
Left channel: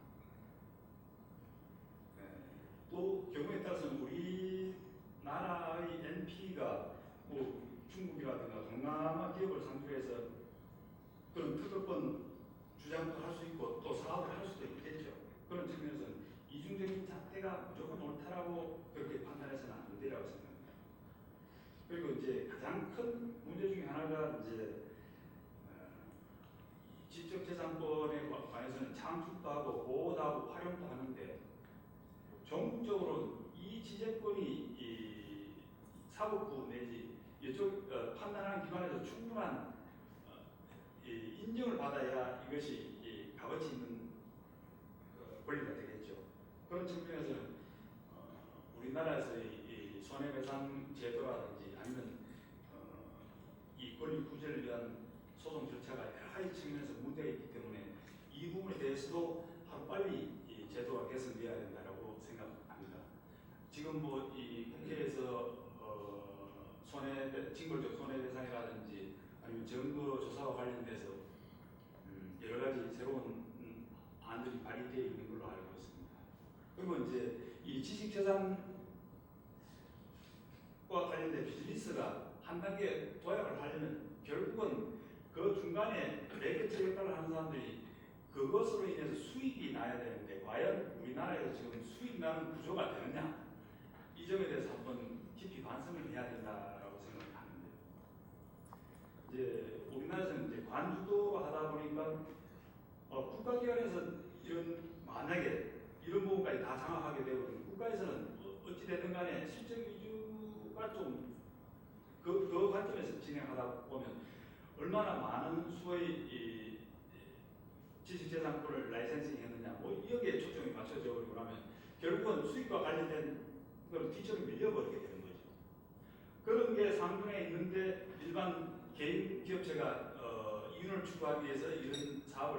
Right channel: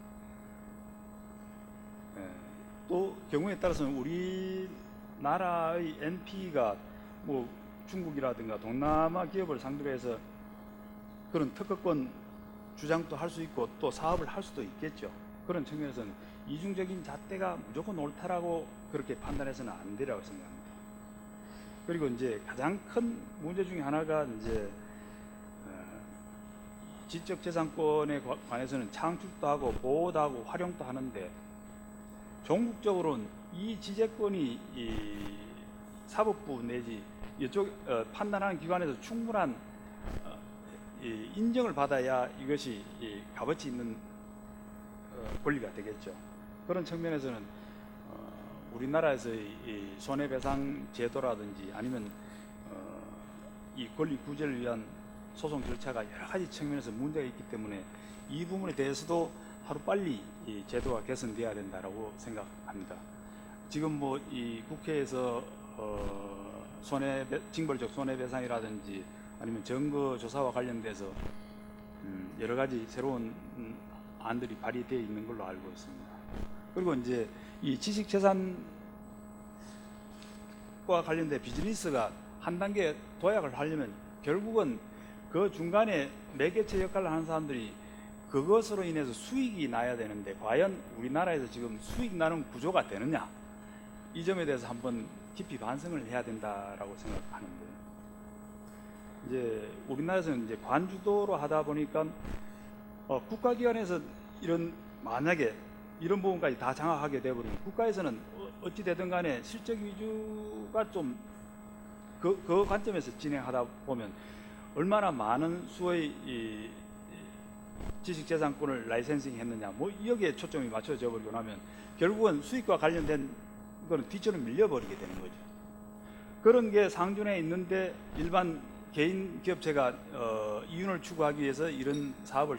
또 경우에 따라서는 우리나라의 NP가 뭐 중국이라든가 동남아 기업을 상대로 해서 그런 특허권 주장도 할 수 있고 또 사업을 할 수도 있겠죠. 그런 측면에서는 이중적인 잣대가 무조건 옳다라고 그렇게 판단해서는 안 되라고 생각합니다. 그리고 이제 가장 큰 문제 중에 하나가 이제 지적재산권에 관해서는 창출도 하고 보호도 하고 활용도 하는데, 종국적으로는 이 지재권이 이 사법부 내지 이쪽 판단하는 기관에서 충분한 인정을 받아야 이것이 값어치 있는 권리가 되겠죠. 그런 측면에서는 우리나라에서의 이 손해배상 제도라든지 아니면 이 권리 구제를 위한 소송 절차가 여러 가지 측면에서 문제가 있기 때문에 이 부분에 대해서도 하루빨리 이 제도가 개선돼야 된다라고 생각합니다. 지금 뭐 이 국회에서 징벌적 손해배상이라든지 아니면 증거 조사와 관련돼서 여러 가지 새로운 안들이 발의되어 있는 걸로 알고 있습니다. 그리고 이제 이 지식재산과 관련된 비즈니스가 한 단계 도약을 하려면 결국은 그 중간에 매개체 역할을 하는 사람들이 그것으로 인해서 수익이 나야 되는데, 과연 우리나라에서 지금 수익 나는 구조가 되느냐, 이 점에 대해서 한번 깊이 반성을 해야 된다라고 생각하는데, 이제 우리나라에서는 이제 관주도로 하다 보니까 국가기관에서 이런 만약에 이런 부분까지 다 장악하게 되버리면 국가에서는 어찌 되든 간에 실적 위주가 좀 그 관점에서 진행하다 보면 얼마나 많은 수의 이 지식재산권을 라이센싱 했느냐 뭐 여기에 초점이 맞춰져 버리고 나면 결국은 수익과 관련된 거는 뒤처럼 밀려버리게 되는 거죠. 그런 게 상준에 있는데 일반 개인 기업체가 이윤을 추구하기 위해서 이런 사업을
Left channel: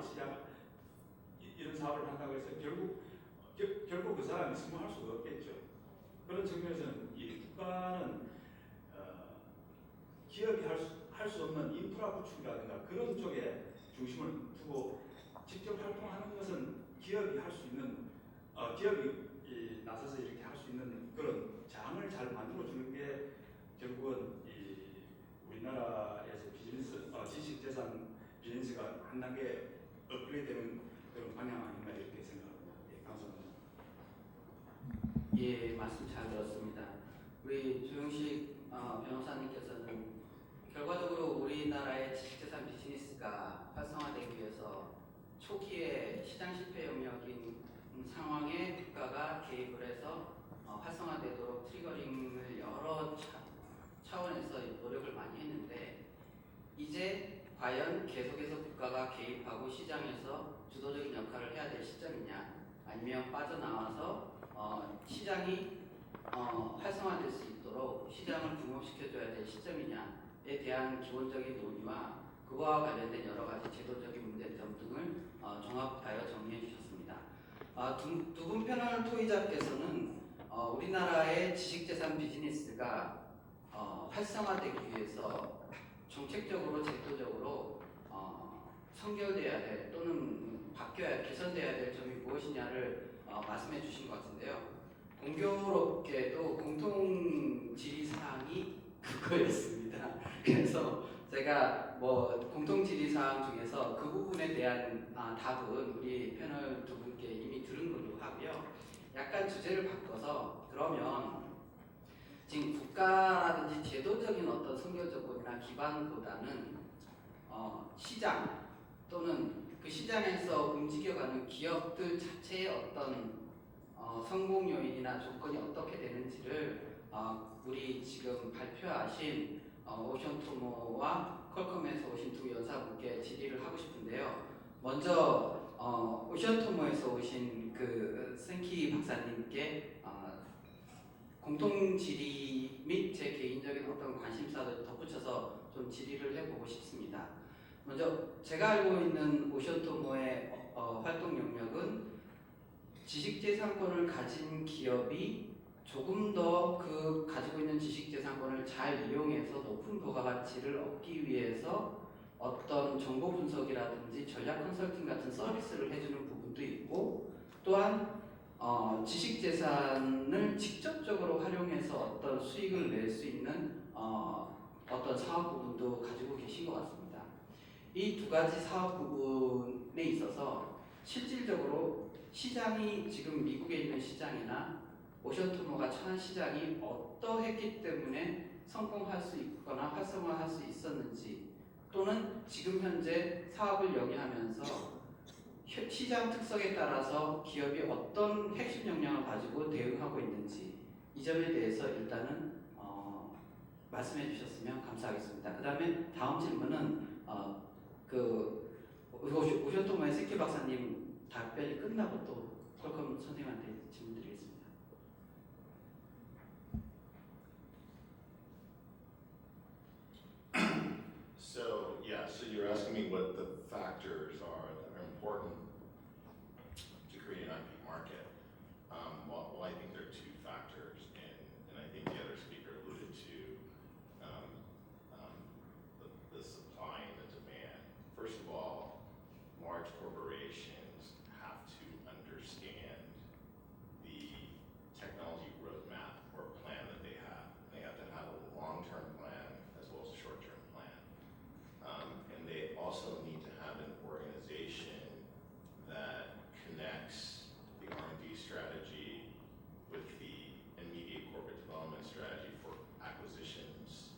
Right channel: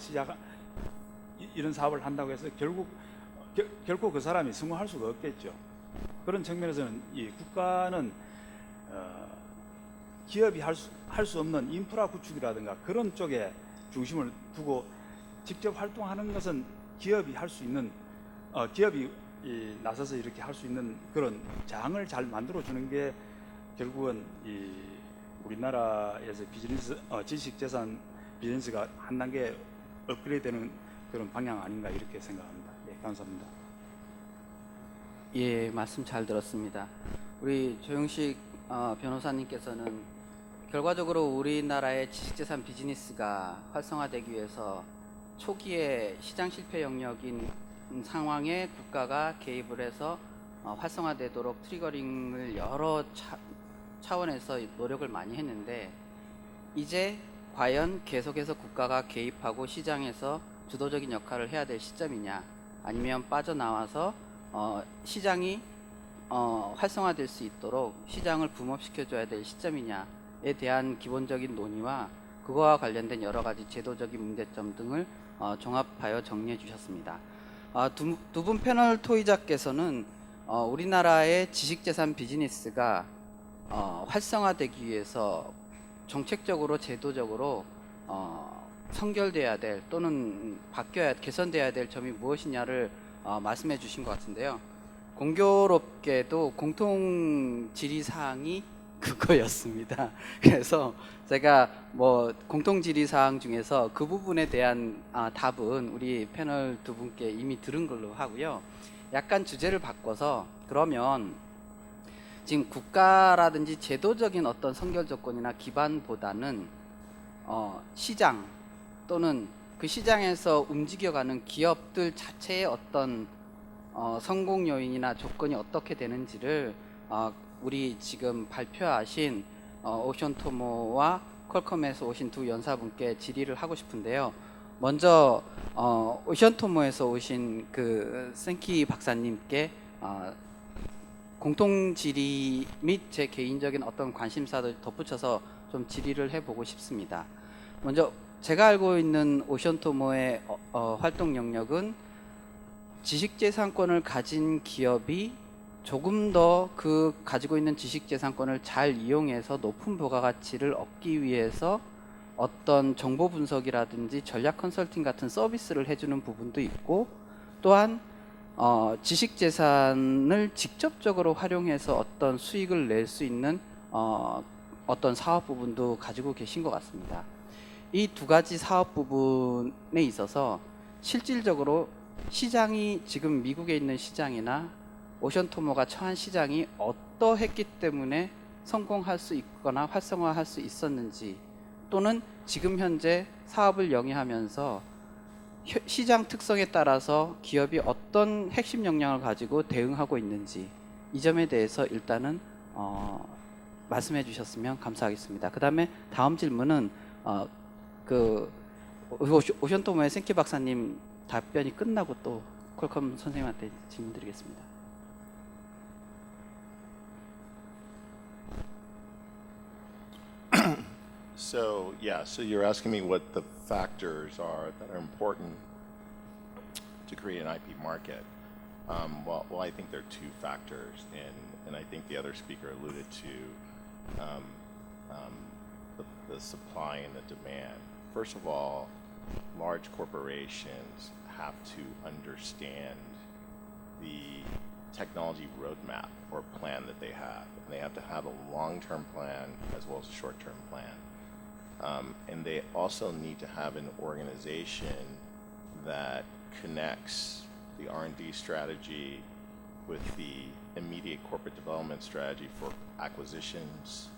한다고 해서 결코 그 사람이 성공할 수가 없겠죠. 그런 측면에서는 이 국가는 기업이 할 수 없는 인프라 구축이라든가 그런 쪽에 중심을 두고 직접 활동하는 것은 기업이 할 수 있는 기업이 나서서 이렇게 할 수 있는 그런 장을 잘 만들어 주는 게 결국은 우리나라에서 지식재산 비즈니스가 한 단계 업그레이드되는 그런 방향 아닌가 이렇게 생각합니다. 네, 감사합니다. 예, 말씀 잘 들었습니다. 우리 조영식 변호사님께서는 결과적으로 우리나라의 지식재산 비즈니스가 활성화되기 위해서 초기에 시장 실패 영역인 상황에 국가가 개입을 해서 활성화되도록 트리거링을 여러 차원에서 노력을 많이 했는데 이제 과연 계속해서 국가가 개입하고 시장에서 주도적인 역할을 해야 될 시점이냐 아니면 빠져나와서 시장이 활성화될 수 있도록 시장을 붐업시켜줘야 될 시점이냐에 대한 기본적인 논의와 그거와 관련된 여러 가지 제도적인 문제점 등을 종합하여 정리해 주셨습니다. 두 분 패널 토의자께서는 우리나라의 지식재산 비즈니스가 활성화되기 위해서 정책적으로 제도적으로 성결돼야 될 또는 개선돼야 될 점이 무엇이냐를 말씀해 주신 것 같은데요. 공교롭게도 공통 질의사항이 그거였습니다. 그래서 제가 공통 질의사항 중에서 그 부분에 대한 답은 우리 패널 두 분께 이미 들은 걸로 하고요. 약간 주제를 바꿔서 그러면 지금 국가라든지 제도적인 어떤 선결 조건이나 기반보다는 시장 또는 그 시장에서 움직여가는 기업들 자체의 어떤 성공 요인이나 조건이 어떻게 되는지를 우리 지금 발표하신 오션토모와 퀄컴에서 오신 두 연사분께 질의를 하고 싶은데요. 먼저 오션토모에서 오신 그 생키 박사님께 공통 질의 및 제 개인적인 어떤 관심사를 덧붙여서 좀 질의를 해보고 싶습니다. 먼저 제가 알고 있는 오션토모의 활동 영역은 지식재산권을 가진 기업이 조금 더 그 가지고 있는 지식재산권을 잘 이용해서 높은 부가가치를 얻기 위해서 어떤 정보 분석이라든지 전략 컨설팅 같은 서비스를 해주는 부분도 있고 또한 지식재산을 직접적으로 활용해서 어떤 수익을 낼 수 있는 어떤 사업 부분도 가지고 계신 것 같습니다. 이 두 가지 사업 부분에 있어서 실질적으로 시장이 지금 미국에 있는 시장이나 오션토모가 처한 시장이 어떠했기 때문에 성공할 수 있거나 활성화할 수 있었는지 또는 지금 현재 사업을 영위하면서 시장 특성에 따라서 기업이 어떤 핵심 역량을 가지고 대응하고 있는지 이 점에 대해서 일단은 말씀해 주셨으면 감사하겠습니다. 그 다음에 다음 질문은 오션토모의 생키 박사님 답변이 끝나고 또 퀄컴 선생님한테 질문 드리겠습니다. So you're asking me what the factors are that are important to create an IP market. Well, I think there are two factors, and I think the other speaker alluded to the supply and the demand. First of all, large corporations have to understand the technology roadmap or plan that they have. And they have to have a long-term plan as well as a short-term plan. And they also need to have an organization that connects the R&D strategy with the immediate corporate development strategy for acquisitions,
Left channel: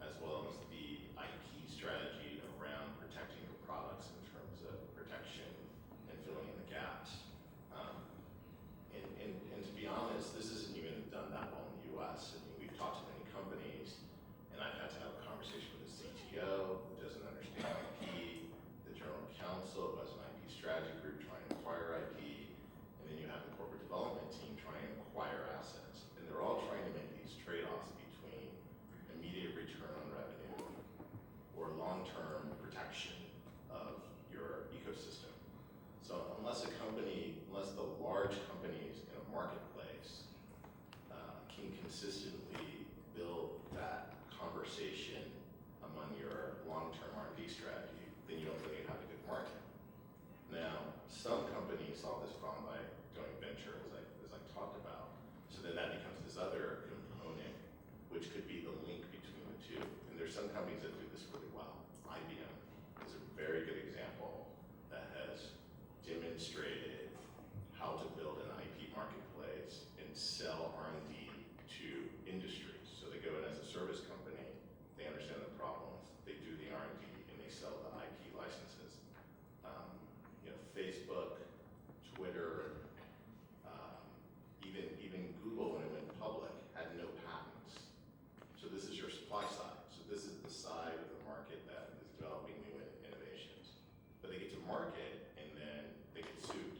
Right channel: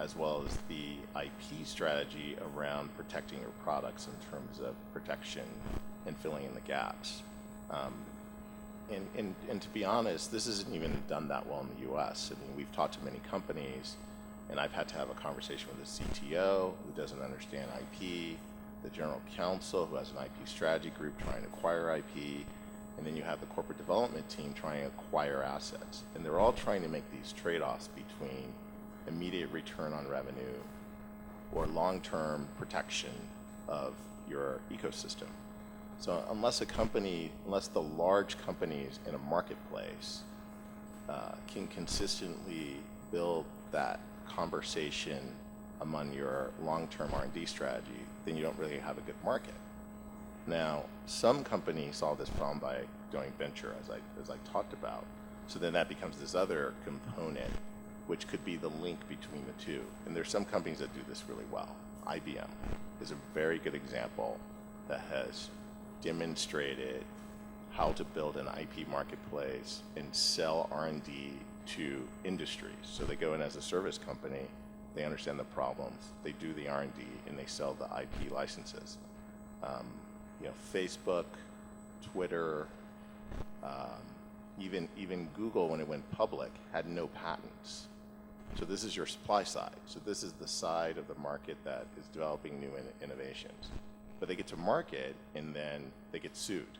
as well as the IP strategy around protecting your products in terms of protection and filling in the gaps. And to be honest, this isn't even done that well in the US. I mean, we've talked to many companies, and I've had to have a conversation with the CTO who doesn't understand IP, the general counsel who has an IP strategy group trying to acquire IP, and then you have the corporate development team trying to acquire assets. And they're all trying to make these trade-offs between immediate return on revenue or long-term protection of your ecosystem. So unless the large companies in a marketplace can consistently build that conversation among your long-term R&D strategy, then you don't really have a good market. Now, some companies solve this problem by going venture, as I talked about. So then that becomes this other component, which could be the link between the two. And there's some companies that do this really well. IBM is a very good example that has demonstrated how to build an IP marketplace and sell R&D to industries. So they go in as a service company, they understand the problems, they do the R&D, and they sell the IP licenses. Facebook, Twitter, even Google, when it went public, had no patents. So this is your supply side. So this is the side of the market that is developing new innovations. But they get to market, and then they get sued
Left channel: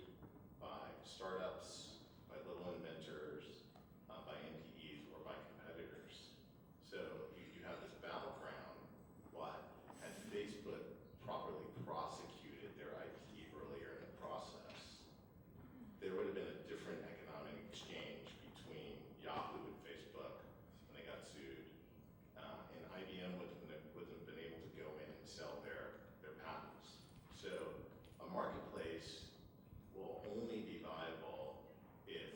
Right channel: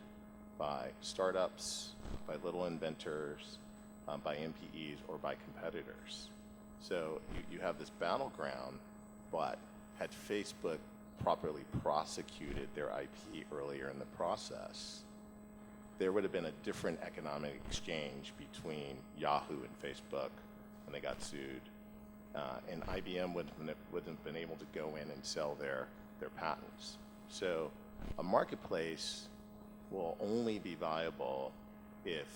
by startups, by little inventors, by MPEs, or by competitors. So you have this battleground, but had Facebook properly prosecuted their IP earlier in the process, there would have been a different economic exchange between Yahoo and Facebook when they got sued. And IBM wouldn't have been able to go in and sell their patents. So a marketplace will only be viable if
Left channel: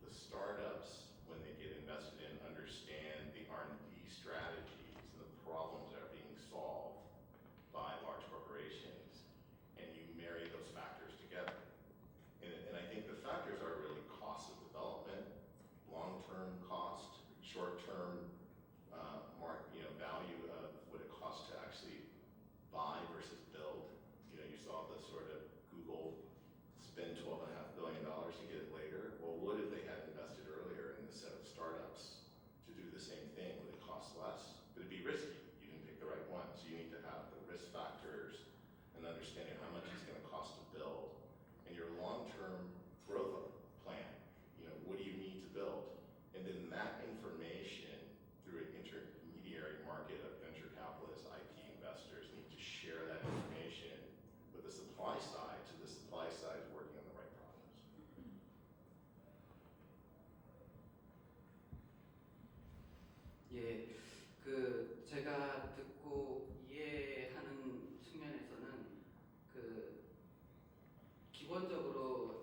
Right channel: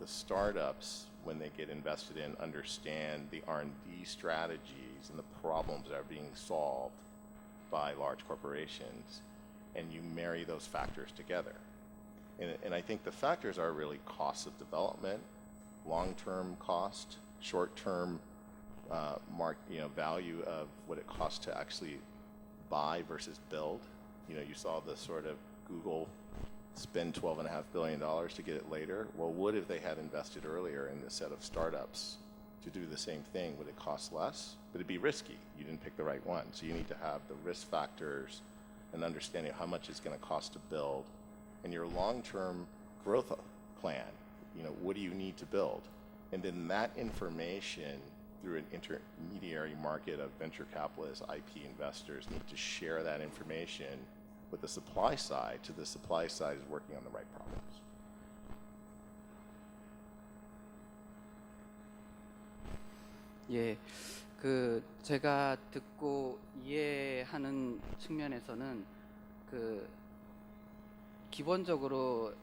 the startups, when they get invested in, understand the R&D strategies and the problems that are being solved by large corporations, and you marry those factors together. And I think the factors are really cost of development, long-term cost, short-term value of what it costs to actually buy versus build. You saw the sort of Google spend $12.5 billion to get it later. Well, what if they had invested earlier in this set of startups to do the same thing? Would it cost less? But it'd be risky. You didn't pick the right one. So you need to have the risk factors and understanding how much it's going to cost to build, and your long-term growth plan. What do you need to build? And then that information, through an intermediary market of venture capitalists, IP investors, need to share that information with the supply side, so the supply side is working on the right problems. 예, 제가 듣고 이해하는 측면에서는 기본적으로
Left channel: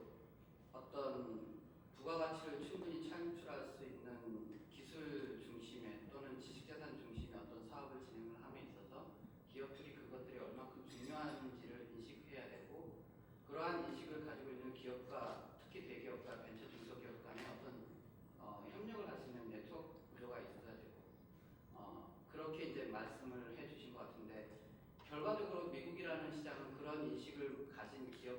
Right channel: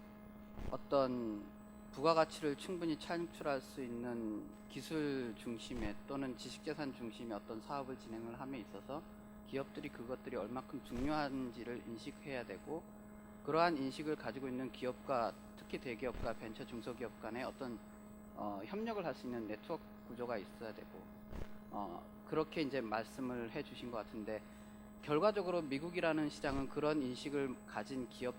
어떤 부가가치를 충분히 창출할 수 있는 기술 중심의 또는 지식재산 중심의 어떤 사업을 진행을 함에 있어서 기업들이 그것들이 얼마큼 중요한지를 인식해야 되고, 그러한 인식을 가지고 있는 기업과 특히 대기업과 벤처 중소기업 간의 어떤 협력을 할 수 있는 네트워크 구조가 있어야 되고, 그렇게 이제 말씀을 해주신 것 같은데, 결과적으로 미국이라는 시장은 그런 인식을 가진 기업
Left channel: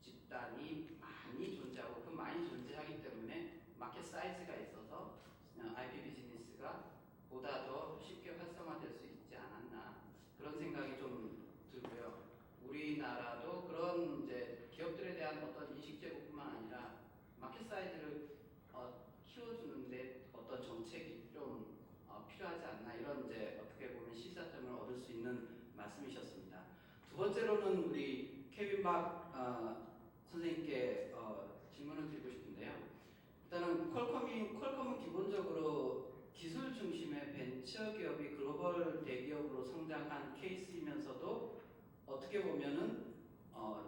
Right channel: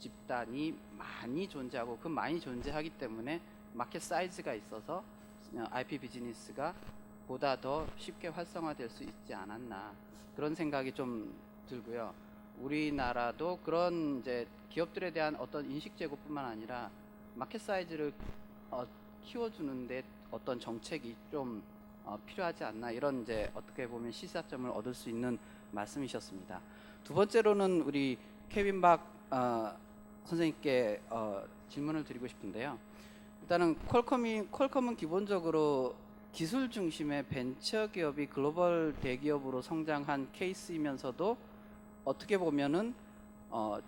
집단이 많이 존재하고, 그 많이 존재하기 때문에 마켓 사이즈가 있어서 IP 비즈니스가 보다 더 쉽게 활성화될 수 있지 않았나, 그런 생각이 좀 들고요. 우리나라도 그런 이제 기업들에 대한 어떤 인식 제고뿐만 아니라 마켓 사이즈를 키워주는데 어떤 정책이 좀 필요하지 않나, 이런 이제 어떻게 보면 시사점을 얻을 수 있는 말씀이셨습니다. 두 번째로는 우리 케빈 박 선생님께 질문을 드리고 싶은데요. 일단은 퀄컴은 기본적으로 기술 중심의 벤처 기업이 글로벌 대기업으로 성장한 케이스이면서도 어떻게 보면은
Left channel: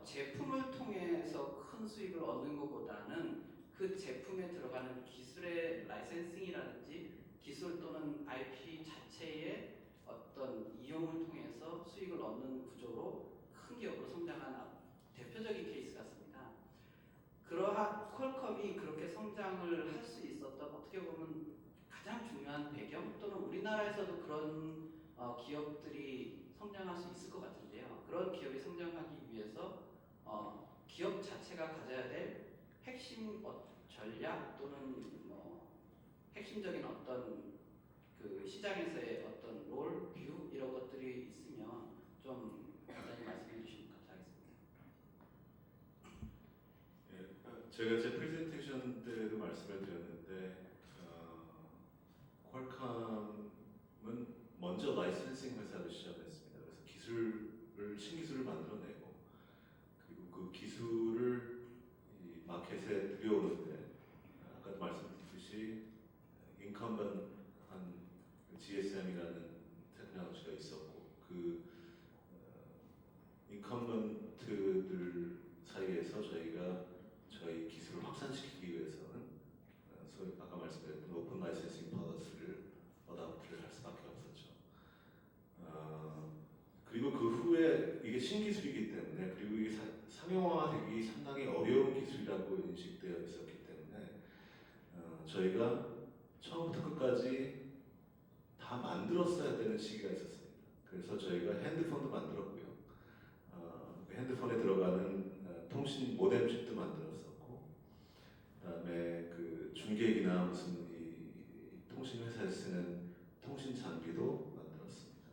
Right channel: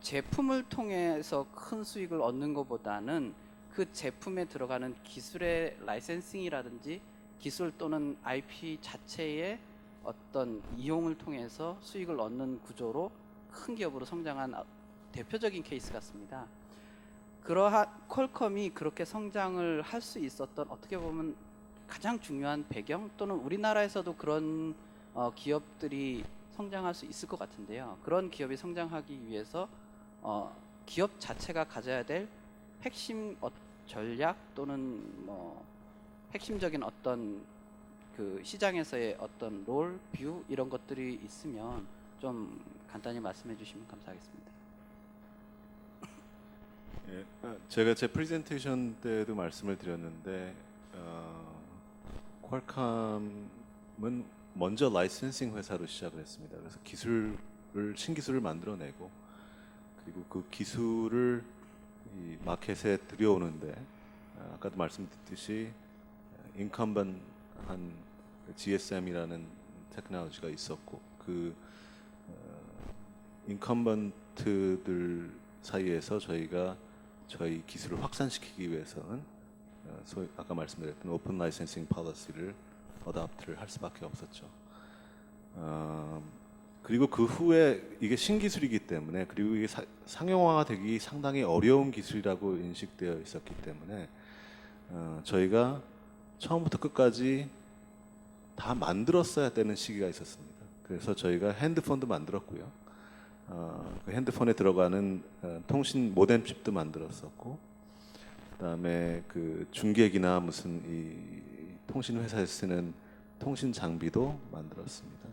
제품을 통해서 큰 수익을 얻는 것보다는 그 제품에 들어가는 기술의 라이센싱이라든지 기술 또는 IP 자체의 어떤 이용을 통해서 수익을 얻는 구조로 큰 기업으로 성장한 대표적인 케이스 같습니다. 퀄컴이 그렇게 성장을 할 수 있었던, 어떻게 보면 가장 중요한 배경 또는 우리나라에서도 그런 기업들이 성장할 수 있을 것 같은데요. 그런 기업이 성장하기 위해서 기업 자체가 가져야 될 핵심 전략 또는 뭐 핵심적인 어떤 그 시장에서의 어떤 롤, 뷰 이런 것들이 있으면 좀 간단히 말씀해 주시면 감사하겠습니다. 예, 제가 제 프레젠테이션 때도 말씀을 드렸는데 퀄컴은 먼저 라이센싱 회사로 시작을 했습니다. 그래서 신기술을 만들어내고 그리고 그 기술을 이 마켓에 들여오는데 아까도 말씀드렸듯이 인컴번트한 GSM이라는 테크놀로지가 있었고 그 인컴번트들 사이에서 저희가 저희 기술을 확산시키기 위해서는 소위 아까 말씀드렸던 오픈 라이센싱 policy를 어답트를 할 수밖에 없었죠. 그리고 그 후에 이게 신기술이기 때문에 그리고 이게 상용화되기 상당히 어려운 기술이라고 인식되어 있었기 때문에 저희가 처음부터 끝까지 다 만들었어야 되는 시기가 있었습니다. 그래서 저희가 핸드폰도 만들었고요. 그 핸드폰에 들어가는 통신 모뎀 칩도 만들었었고, 그다음에 그 중계기나 무슨 이 통신 회사에서 쓰는 통신 장비도 만들었습니다.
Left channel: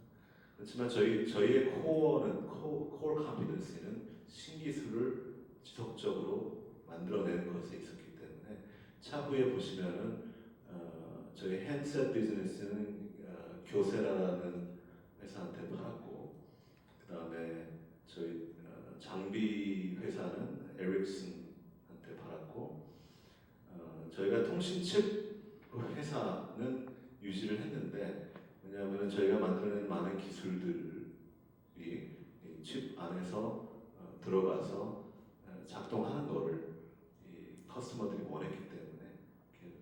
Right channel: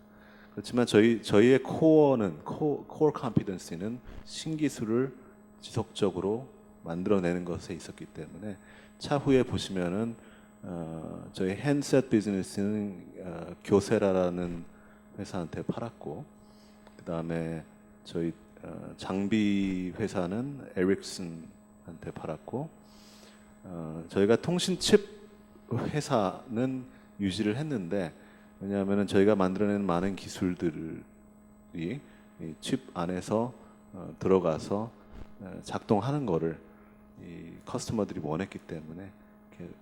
그렇지만 저희의 코어 컴피던시는 신기술을 지속적으로 만들어내는 것에 있었기 때문에 차후에 보시면은 저희 핸드셋 비즈니스는 교세라라는 회사한테 팔았고, 그다음에 저희 장비 회사는 에릭슨한테 팔았고, 저희가 통신칩 회사는 유지를 했는데, 왜냐하면 저희가 만들어낸 많은 기술들이 이 칩 안에서 들어가서 작동하는 거를 이 커스터머들이 원했기 때문에 이렇게,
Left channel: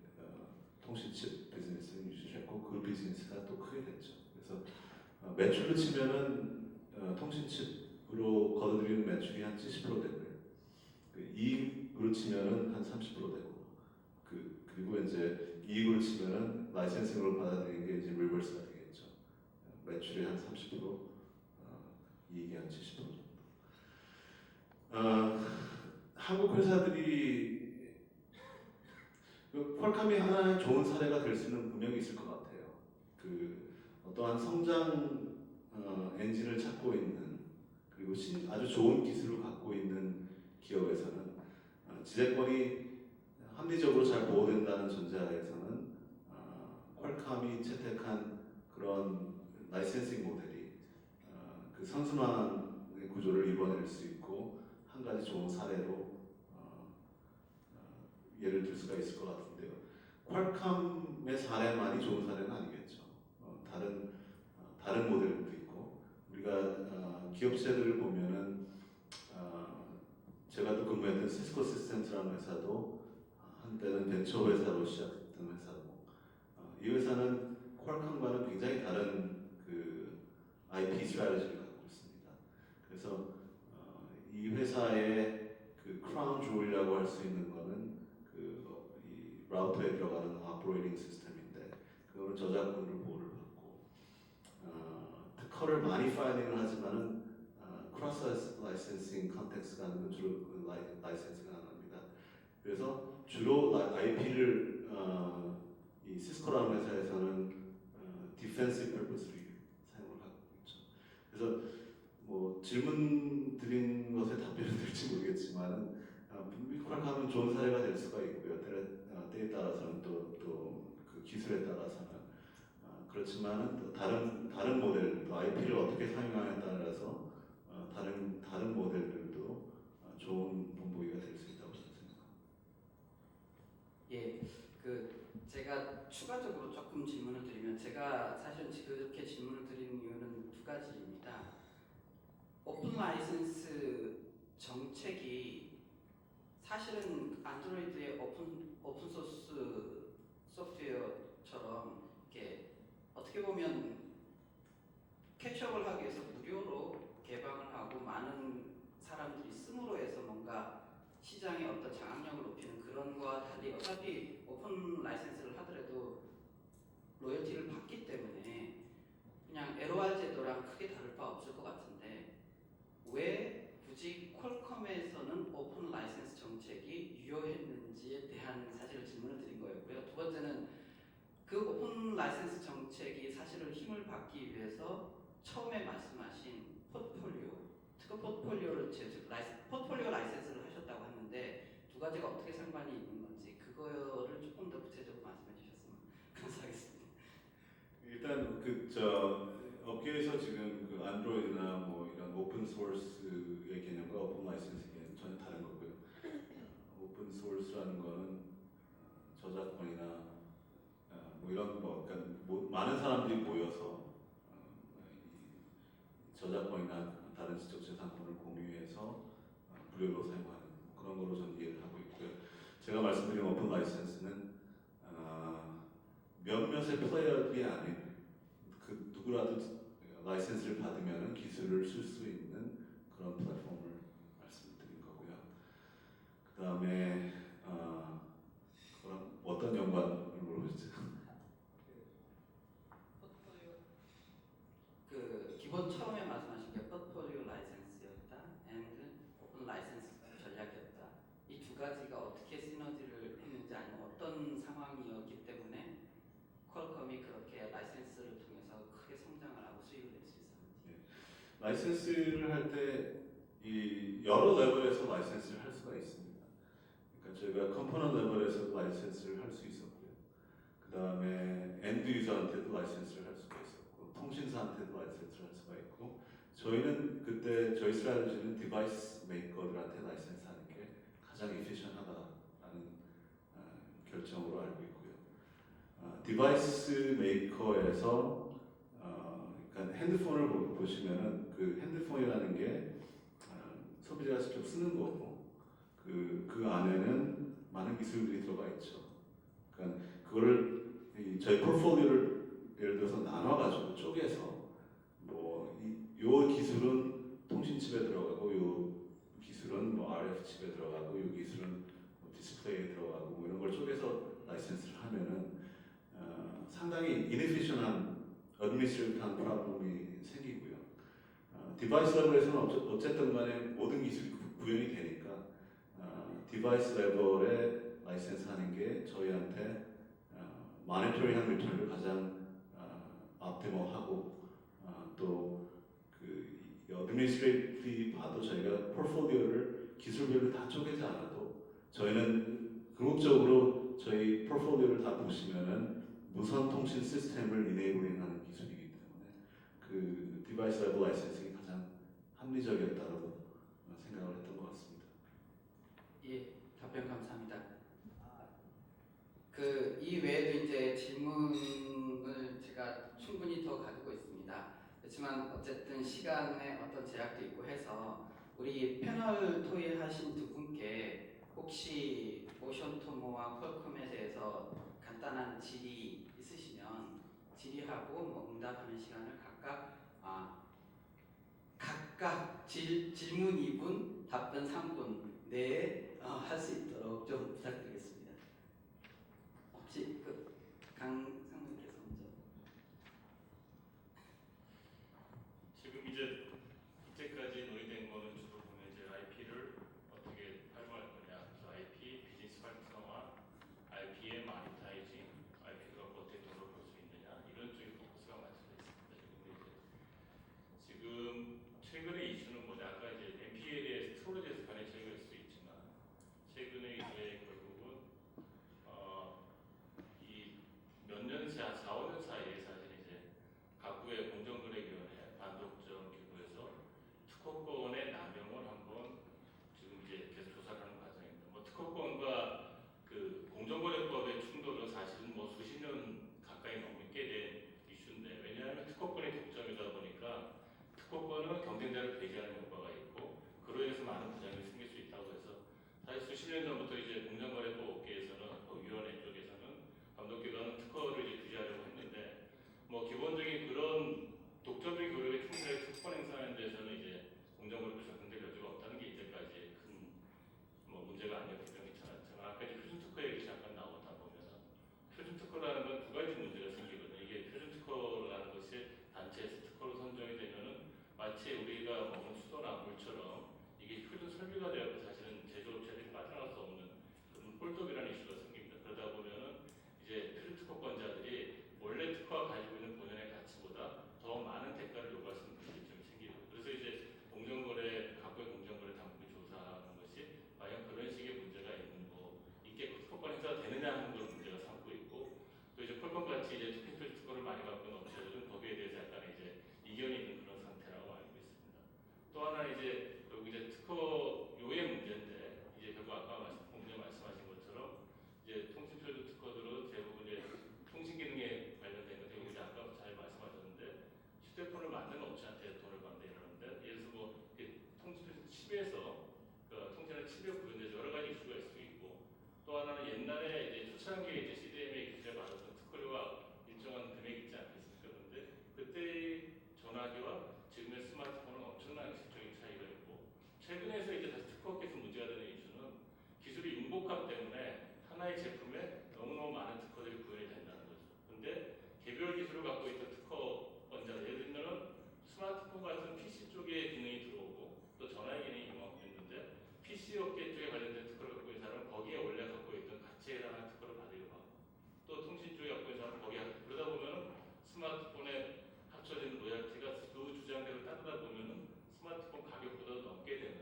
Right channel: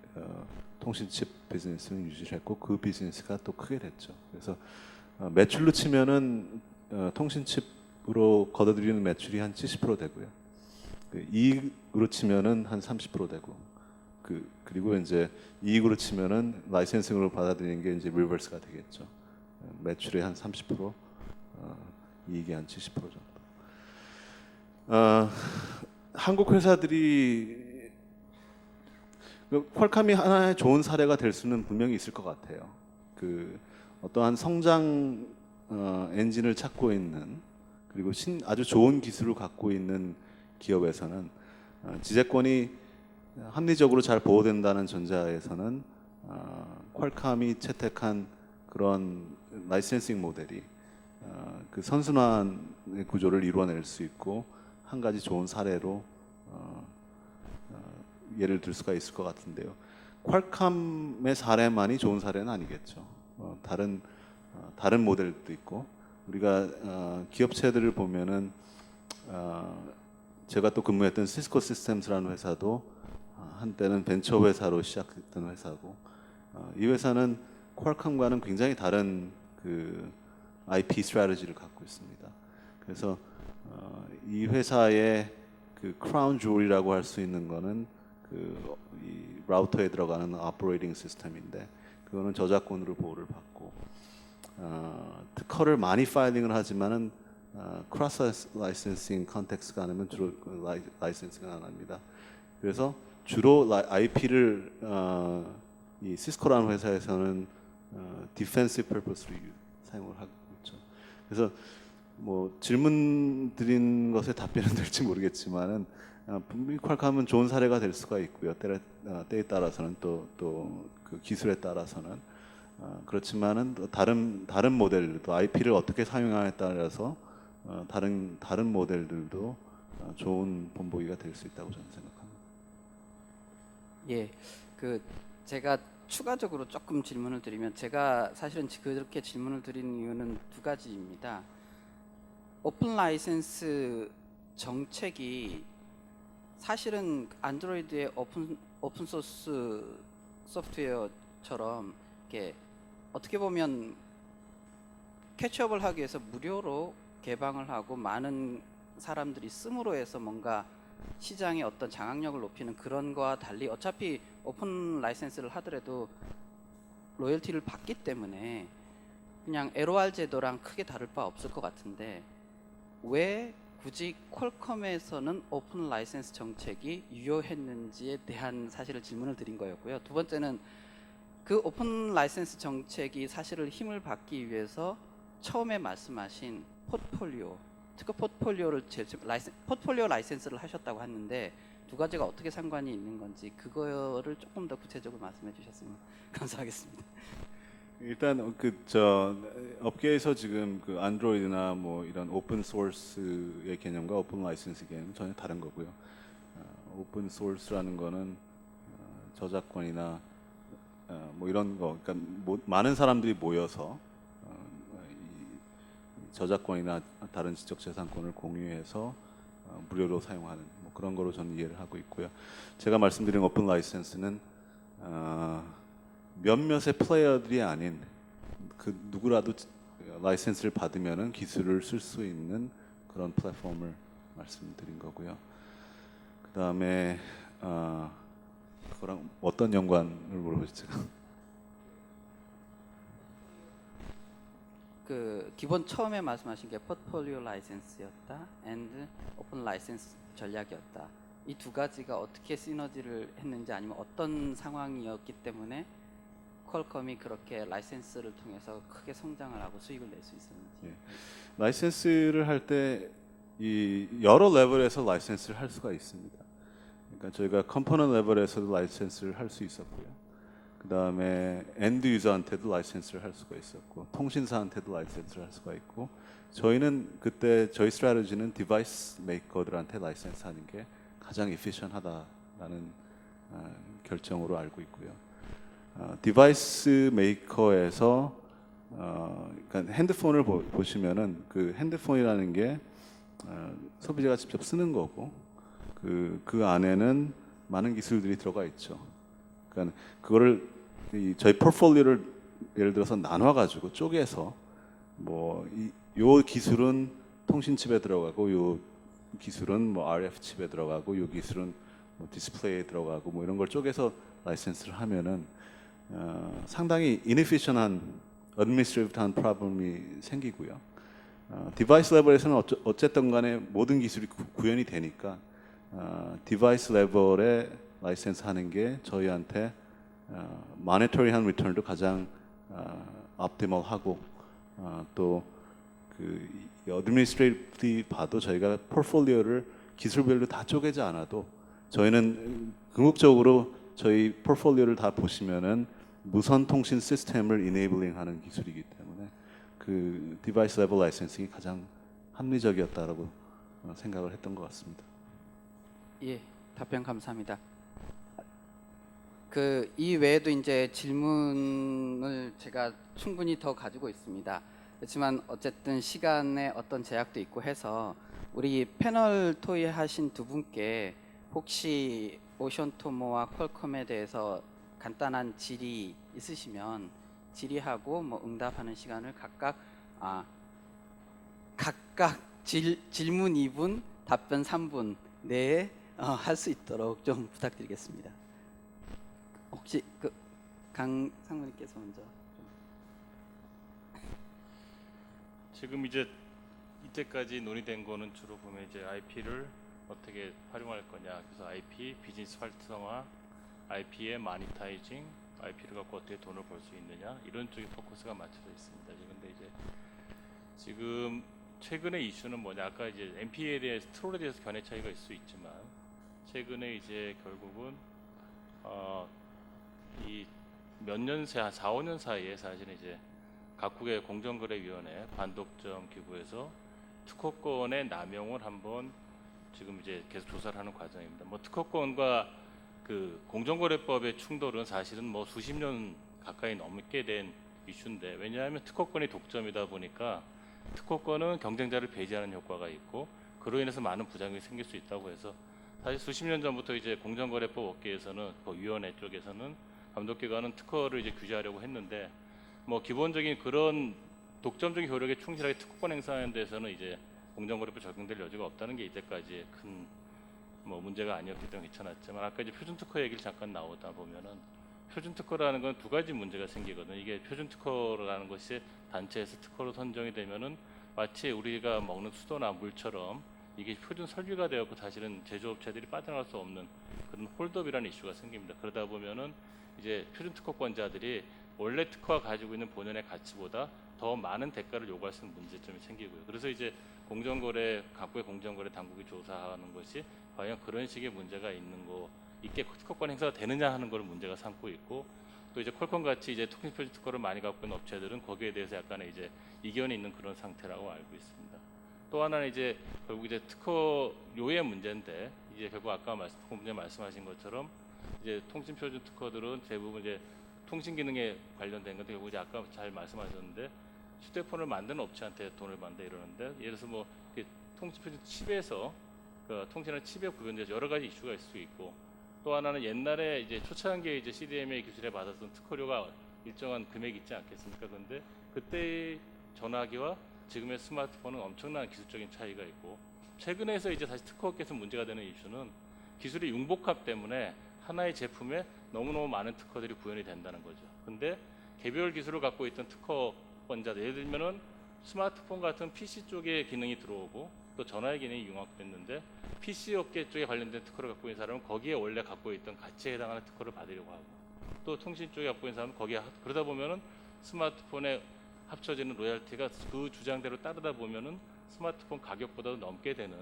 통신칩 비즈니스는 유지를 했고 그 비즈니스가 또 크게 됐죠. 그래서 매출로 치면은 통신칩으로 걷어들이는 매출이 한 70% 되고요. 그 이익으로 치면은 한 30% 되고 그리고 이제 이익으로 치면은 라이센싱으로 받아들이는 게 이제 리버스가 되겠죠. 매출의 한 30%, 이익이 한 70% 정도. 한국 회사들이 퀄컴이 하나의 좋은 사례가 될 수는 분명히 있을 것 같아요. 그 어떠한 성장 엔진을 찾고 있는 그리고 아주 좋은 기술을 갖고 있는 기업에서는 지재권이 합리적으로 잘 보호된다는 전제하에서는 퀄컴이 채택한 그런 라이센싱 모델이 그 선순환의 구조를 이루어낼 수 있고 한 가지 좋은 사례로 예를 들 수가 있을 것 같은데요. 퀄컴의 사례만이 좋은 사례는 아니겠죠. 다른 모델도 있고 우리가 기업체들을 보면은 제가 또 근무했던 시스코 시스템스라는 회사도 한때는 벤처 회사로 시작했던 회사고 이 회사는 퀄컴과는 굉장히 다른 그 IP 스트래티지를 갖고 있습니다. 그래서 이 회사의 그 크라운 주얼이라고 할 수 있는 거는 이 라우터에 들어가는 오퍼레이팅 시스템인데 그거는 저작권으로 보호를 받고 특허를 많이 파일링을 하지만은 크로스 라이센싱 컨텍스트가 아니면 주로 라이센싱을 안 합니다. 그래서 주로 IP를 이 시스코라는 회사에서는 디펜시브 퍼포스로 사용을 하고 있죠. 그래서 뭐 질문 드린 것에 답변은 될지 모르겠지만은 분명히 퀄컴은 좋은 사례가 될 수가 있고요. 때에 따라서는 또 그 기술에 따라서는 그렇지만은 또 다른 모델 또 IP를 어떻게 사용하냐에 따라서 다른 모델들도 좋은 본보기가 될 수 있다고 저는 생각합니다. 예, 제가 추가적으로 조금 질문을 드리면 제가 사실은 그렇게 질문을 드린 이유는 두 가지입니다. 오픈 라이센스 정책이 사실은 안드로이드의 오픈 소스 소프트웨어처럼 이렇게 어떻게 보면 캐치업을 하기 위해서 무료로 개방을 하고 많은 사람들이 씀으로 해서 뭔가 시장의 어떤 장악력을 높이는 그런 거와 달리 어차피 오픈 라이센스를 하더라도 로열티를 받기 때문에 그냥 LOR 제도랑 크게 다를 바 없을 것 같은데 왜 굳이 퀄컴에서는 오픈 라이센스 정책이 유효했는지에 대한 사실을 질문을 드린 거였고요. 두 번째는 그 오픈 라이센스 정책이 사실을 힘을 받기 위해서 처음에 말씀하신 포트폴리오, 특허 포트폴리오를 포트폴리오 라이센스를 하셨다고 하는데 두 가지가 어떻게 상관이 있는 건지 그거를 조금 더 구체적으로 말씀해 주셨으면 감사하겠습니다. 일단 그 저 업계에서 지금 그 안드로이드나 뭐 이런 오픈 소스의 개념과 오픈 라이센스 개념은 전혀 다른 거고요. 오픈 소스라는 거는 저작권이나 뭐 이런 거, 그러니까 많은 사람들이 모여서 이 저작권이나 다른 지적재산권을 공유해서 무료로 사용하는 뭐 그런 거로 저는 이해를 하고 있고요. 제가 말씀드린 오픈 라이센스는 몇몇의 플레이어들이 아닌 그 누구라도 라이센스를 받으면은 기술을 쓸 수 있는 그런 플랫폼을 말씀드린 거고요. 그 다음에 그거랑 어떤 연관을 물어보셨죠? 그 기본 처음에 말씀하신 게 포트폴리오 라이센스였다, and 오픈 라이센스 전략이었다. 이 두 가지가 어떻게 시너지를 했는지 아니면 어떤 상황이었기 때문에 퀄컴이 그렇게 라이센스를 통해서 크게 성장을 하고 수익을 낼 수 있었는지. 라이센스를 할 때 이 여러 레벨에서 라이센스를 할 수가 있습니다. 그러니까 저희가 컴포넌트 레벨에서도 라이센스를 할 수 있었고요. 그 다음에 엔드 유저한테도 라이센스를 할 수가 있었고, 통신사한테도 라이센스를 할 수가 있고, 저희는 그때 저희 스트래티지는 디바이스 메이커들한테 라이센스 하는 게 가장 에피션하다라는 결정으로 알고 있고요. 디바이스 메이커에서 그러니까 핸드폰을 보시면은 그 핸드폰이라는 게 소비자가 직접 쓰는 거고 그 안에는 많은 기술들이 들어가 있죠. 그러니까 그거를 저희 포트폴리오를 예를 들어서 나눠 가지고 쪼개서 요 기술은 통신 칩에 들어가고 요 기술은 뭐 RF 칩에 들어가고 요 기술은 뭐 디스플레이에 들어가고 뭐 이런 걸 쪼개서 라이센스를 하면은 상당히 inefficient한 administrative한 프로블럼이 생기고요. 디바이스 레벨에서는 어쨌든 간에 모든 기술이 구현이 되니까 디바이스 레벨에 라이센스 하는 게 저희한테 모니터링한 리턴도 가장 optimal하고 또그 어드미니스트레이티브 봐도 저희가 포트폴리오를 기술별로 다 쪼개지 않아도 저희는 궁극적으로 저희 포트폴리오를 다 보시면은 무선 통신 시스템을 이네이블링하는 기술이기 때문에 그 디바이스 레벨 라이센싱이 가장 합리적이었다라고 생각을 했던 것 같습니다. 예, 답변 감사합니다. 그 이 외에도 이제 질문을 제가 충분히 더 가지고 있습니다. 그렇지만 어쨌든 시간에 어떤 제약도 있고 해서 우리 패널 토의하신 두 분께 혹시 오션토모와 퀄컴에 대해서 간단한 질의 있으시면 질의하고 뭐 응답하는 시간을 각각 질문 2분, 답변 3분 내에 할 수 있도록 좀 부탁드리겠습니다. 혹시 강 상무님께서 먼저. 지금 이때까지 논의된 거는 주로 보면 이제 IP를 어떻게 활용할 거냐. 그래서 IP 비즈니스 활성화, IP의 마니타이징, IP를 갖고 어떻게 돈을 벌 수 있느냐 이런 쪽에 포커스가 맞춰져 있습니다. 그런데 이제 지금 최근의 이슈는 뭐냐? 아까 이제 MP에 대해서 트롤에 대해서 견해 차이가 있을 수 있지만 최근에 이제 결국은 이 몇 년 새, 한 4, 5년 사이에 사실은 이제 각국의 공정거래위원회 반독점 기구에서 특허권의 남용을 한번 지금 이제 계속 조사를 하는 과정입니다. 뭐 특허권과 그 공정거래법의 충돌은 사실은 뭐 수십 년 가까이 넘게 된 이슈인데 왜냐하면 특허권이 독점이다 보니까 특허권은 경쟁자를 배제하는 효과가 있고 그로 인해서 많은 부작용이 생길 수 있다고 해서 사실 수십 년 전부터 이제 공정거래법 업계에서는 위원회 쪽에서는 감독기관은 특허를 이제 규제하려고 했는데 뭐 기본적인 그런 독점적인 효력에 충실하게 특허권 행사하는 데서는 이제 공정거래법 적용될 여지가 없다는 게 이때까지 큰 뭐 문제가 아니었기 때문에 괜찮았지만 아까 이제 표준 특허 얘기를 잠깐 나오다 보면은 표준 특허라는 건 두 가지 문제가 생기거든요. 이게 표준 특허라는 것이 단체에서 특허로 선정이 되면은 마치 우리가 먹는 수도나 물처럼 이게 표준 설비가 되었고 사실은 제조업체들이 빠져나갈 수 없는 그런 홀더비라는 이슈가 생깁니다. 그러다 보면은 이제 표준 특허권자들이 원래 특허가 가지고 있는 본연의 가치보다 더 많은 대가를 요구할 수 있는 문제점이 생기고요. 그래서 이제 각국의 공정거래 당국이 조사하는 것이 과연 그런 식의 문제가 있는 거 있게 특허권 행사가 되느냐 하는 걸 문제가 삼고 있고, 또 이제 퀄컴 같이 이제 통신 표준 특허를 많이 갖고 있는 업체들은 거기에 대해서 약간의 이제 이견이 있는 그런 상태라고 알고 있습니다. 또 하나는 이제 결국 이제 특허료의 문제인데, 이제 결국 아까 말씀하신 것처럼 이제 통신 표준 특허들은 대부분 이제 통신 기능에 관련된 건데, 결국 이제 아까 잘 말씀하셨는데 휴대폰을 만드는 업체한테 돈을 받는다 이러는데, 예를 들어서 뭐 통신 표준 칩에서 그 통신하는 칩에 구현돼서 여러 가지 이슈가 있을 수 있고, 또 하나는 옛날에 이제 초창기에 이제 CDMA 기술에 받았던 특허료가 일정한 금액이 있지 않겠습니까? 그런데 그때 전화기와 지금의 스마트폰은 엄청난 기술적인 차이가 있고, 최근에서 이제 다시 특허업계에서 문제가 되는 이슈는 기술의 융복합 때문에 하나의 제품에 너무너무 많은 특허들이 구현이 된다는 거죠. 근데 개별 기술을 갖고 있던 특허권자들, 예를 들면은 스마트폰 같은 PC 쪽에 기능이 들어오고 또 전화의 기능이 융합됐는데, PC 업계 쪽에 관련된 특허를 갖고 있는 사람은 거기에 원래 갖고 있던 가치에 해당하는 특허를 받으려고 하고, 또 통신 쪽에 갖고 있는 사람은 그러다 보면은 스마트폰에 합쳐지는 로열티가 그 주장대로 따르다 보면은 스마트폰 가격보다도 넘게 되는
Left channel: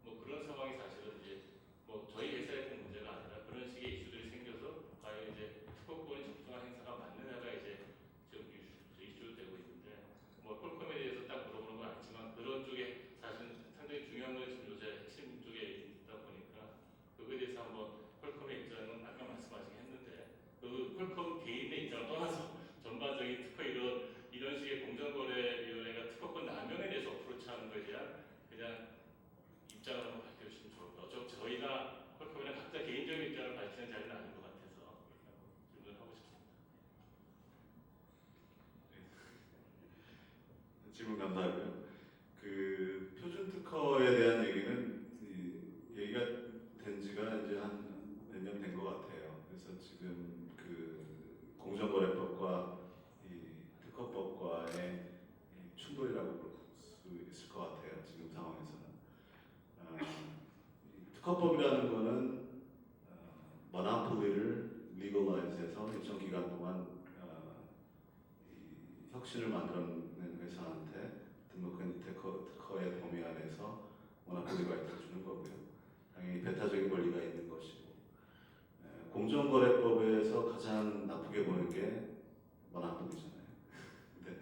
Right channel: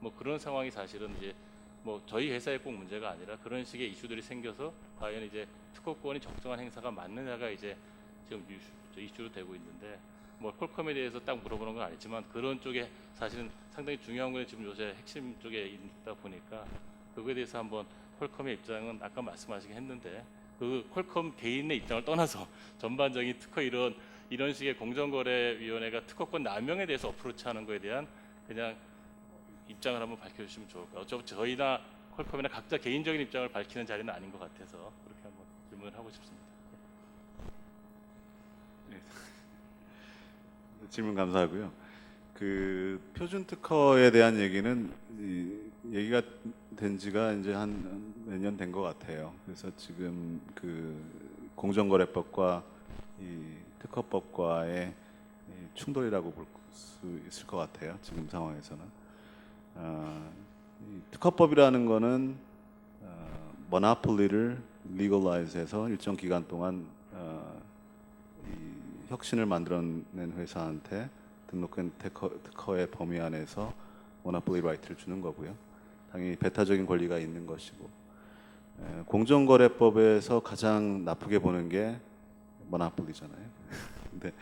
뭐 그런 상황이 사실은 이제 뭐 저희 회사에 꼭 문제가 아니라 그런 식의 이슈들이 생겨서 과연 이제 특허권이 적정한 행사가 맞느냐가 이제 지금 이슈로 되고 있는데, 뭐 퀄컴에 대해서 딱 물어보는 건 아니지만 그런 쪽에 사실은 상당히 중요한 건 지금 요새 핵심 쪽에 있다 보니까 그거에 대해서 한번 퀄컴의 입장은 아까 말씀하시긴 했는데, 그 퀄컴 개인의 입장을 떠나서 전반적인 특허 이런 식의 공정거래위원회가 특허권 남용에 대해서 어프로치하는 거에 대한 그냥 입장을 한번 밝혀주시면 좋을 것 같아요. 어차피 저희나 퀄컴이나 각자 개인적인 입장을 밝히는 자리는 아닌 것 같아서 그렇게 한번 질문을 하고 싶습니다. 질문 감사하고요. 그 표준 특허에 대한 얘기는 얘기가 된 지가 이제 한 몇 년 된 것 같아요. 그래서 지금 그 공정거래법과 이 특허법과의 이 충돌이라고 볼 수 있을 것 같아요. 지금 상황에서는 이 특허법이라는 거는 모노폴리를 리걸라이즈해서 일정 기간 동안 이 혁신을 만들어낸 회사한테 등록한 특허의 범위 안에서 모노폴리 라이트를 주는 거고요. 당연히 배타적인 권리가 있는 것이고, 공정거래법에서 가장 나쁘게 보는 게 모노폴리잖아요. 근데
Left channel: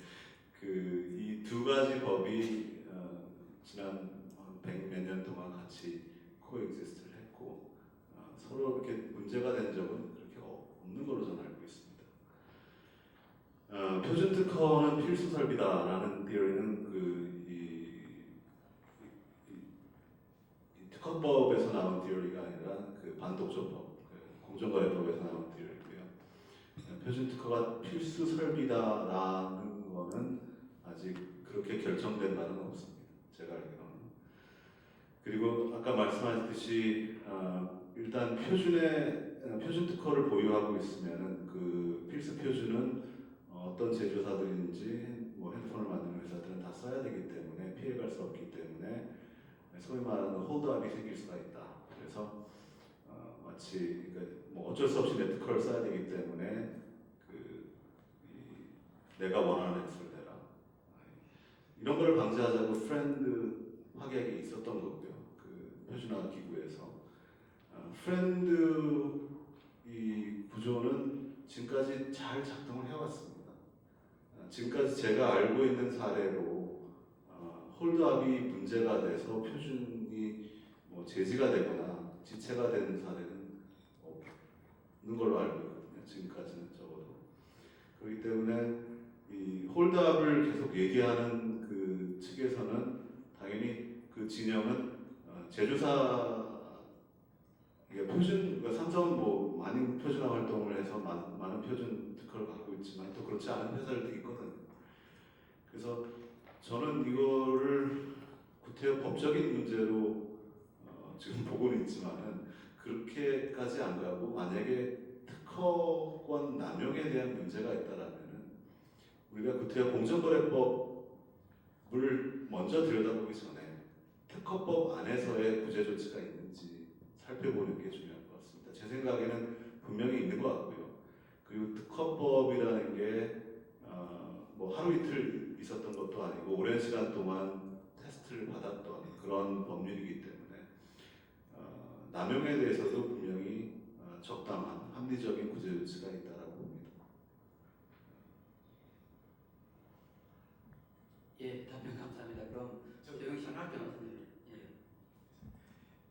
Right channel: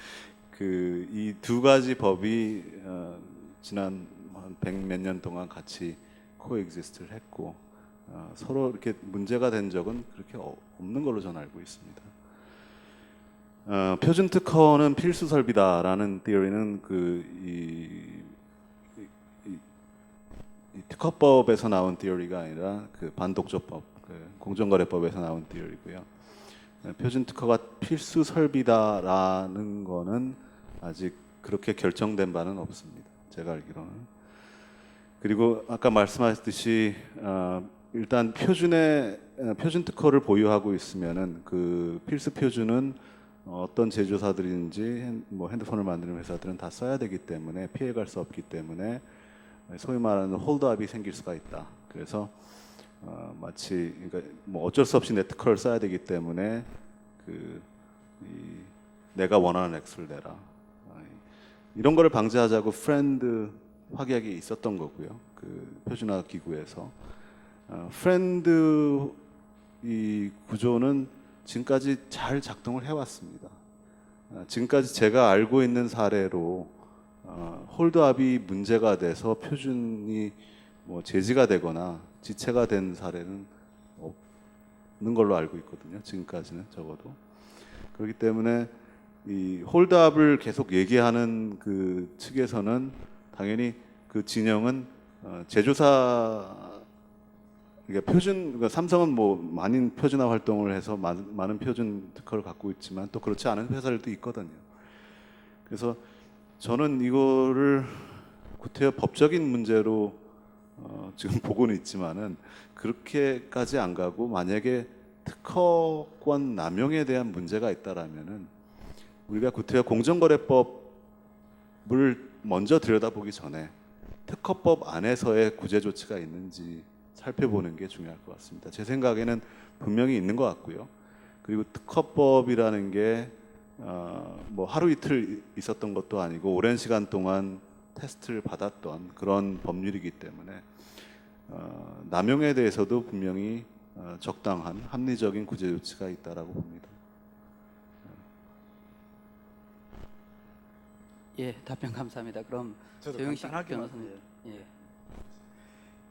그 이 두 가지 법이 지난 한 100 몇 년 동안 같이 코엑지스트를 했고 서로 이렇게 문제가 된 적은 그렇게 없는 걸로 저는 알고 있습니다. 표준 특허는 필수 설비다라는 티어리는 이 특허법에서 나온 티어리가 아니라 그 반독점법, 그 공정거래법에서 나온 티어리고요. 표준 특허가 필수 설비다라는 거는 아직 그렇게 결정된 바는 없습니다. 제가 알기로는. 그리고 아까 말씀하셨듯이 일단 표준 특허를 보유하고 있으면은 그 필수 표준은 어떤 제조사들인지 뭐 핸드폰을 만드는 회사들은 다 써야 되기 때문에 피해갈 수 없기 때문에 소위 말하는 홀드업이 생길 수가 있다. 그래서 마치 그러니까 뭐 어쩔 수 없이 내 특허를 써야 되기 때문에 내가 원하는 액수를 내라. 이런 거를 방지하자고 프렌드 확약이 있었던 거고요. 그 표준화 기구에서 프렌드 이 구조는 지금까지 잘 작동을 해왔습니다. 지금까지 제가 알고 있는 사례로 홀드업이 문제가 돼서 표준이 뭐 제지가 되거나 지체가 된 사례는 없는 걸로 알고 있거든요. 지금까지는 적어도. 그렇기 때문에 이 홀드업을 계속 얘기하는 그 측에서는 당연히 그 진영은 제조사 그러니까 그러니까 삼성은 뭐 많은 표준화 활동을 해서 많은 표준 특허를 갖고 있지만 또 그렇지 않은 회사들도 있거든요. 그래서 저는 이거를 구태여 법적인 문제로 지금 보고는 있지만은 그렇게까지 안 가고 만약에 특허권 남용에 대한 문제가 있다라면은 우리가 구태여 공정거래법을 먼저 들여다보기 전에 특허법 안에서의 구제 조치가 있는지 살펴보는 게 중요할 것 같습니다. 제 생각에는 분명히 있는 것 같고요. 그리고 특허법이라는 게 뭐 하루 이틀 있었던 것도 아니고 오랜 시간 동안 테스트를 받았던 그런 법률이기 때문에 남용에 대해서도 분명히 적당한 합리적인 구제 조치가 있다라고 봅니다. 예, 답변 감사합니다. 그럼 저도 조영식 간단하게만, 변호사님. 예.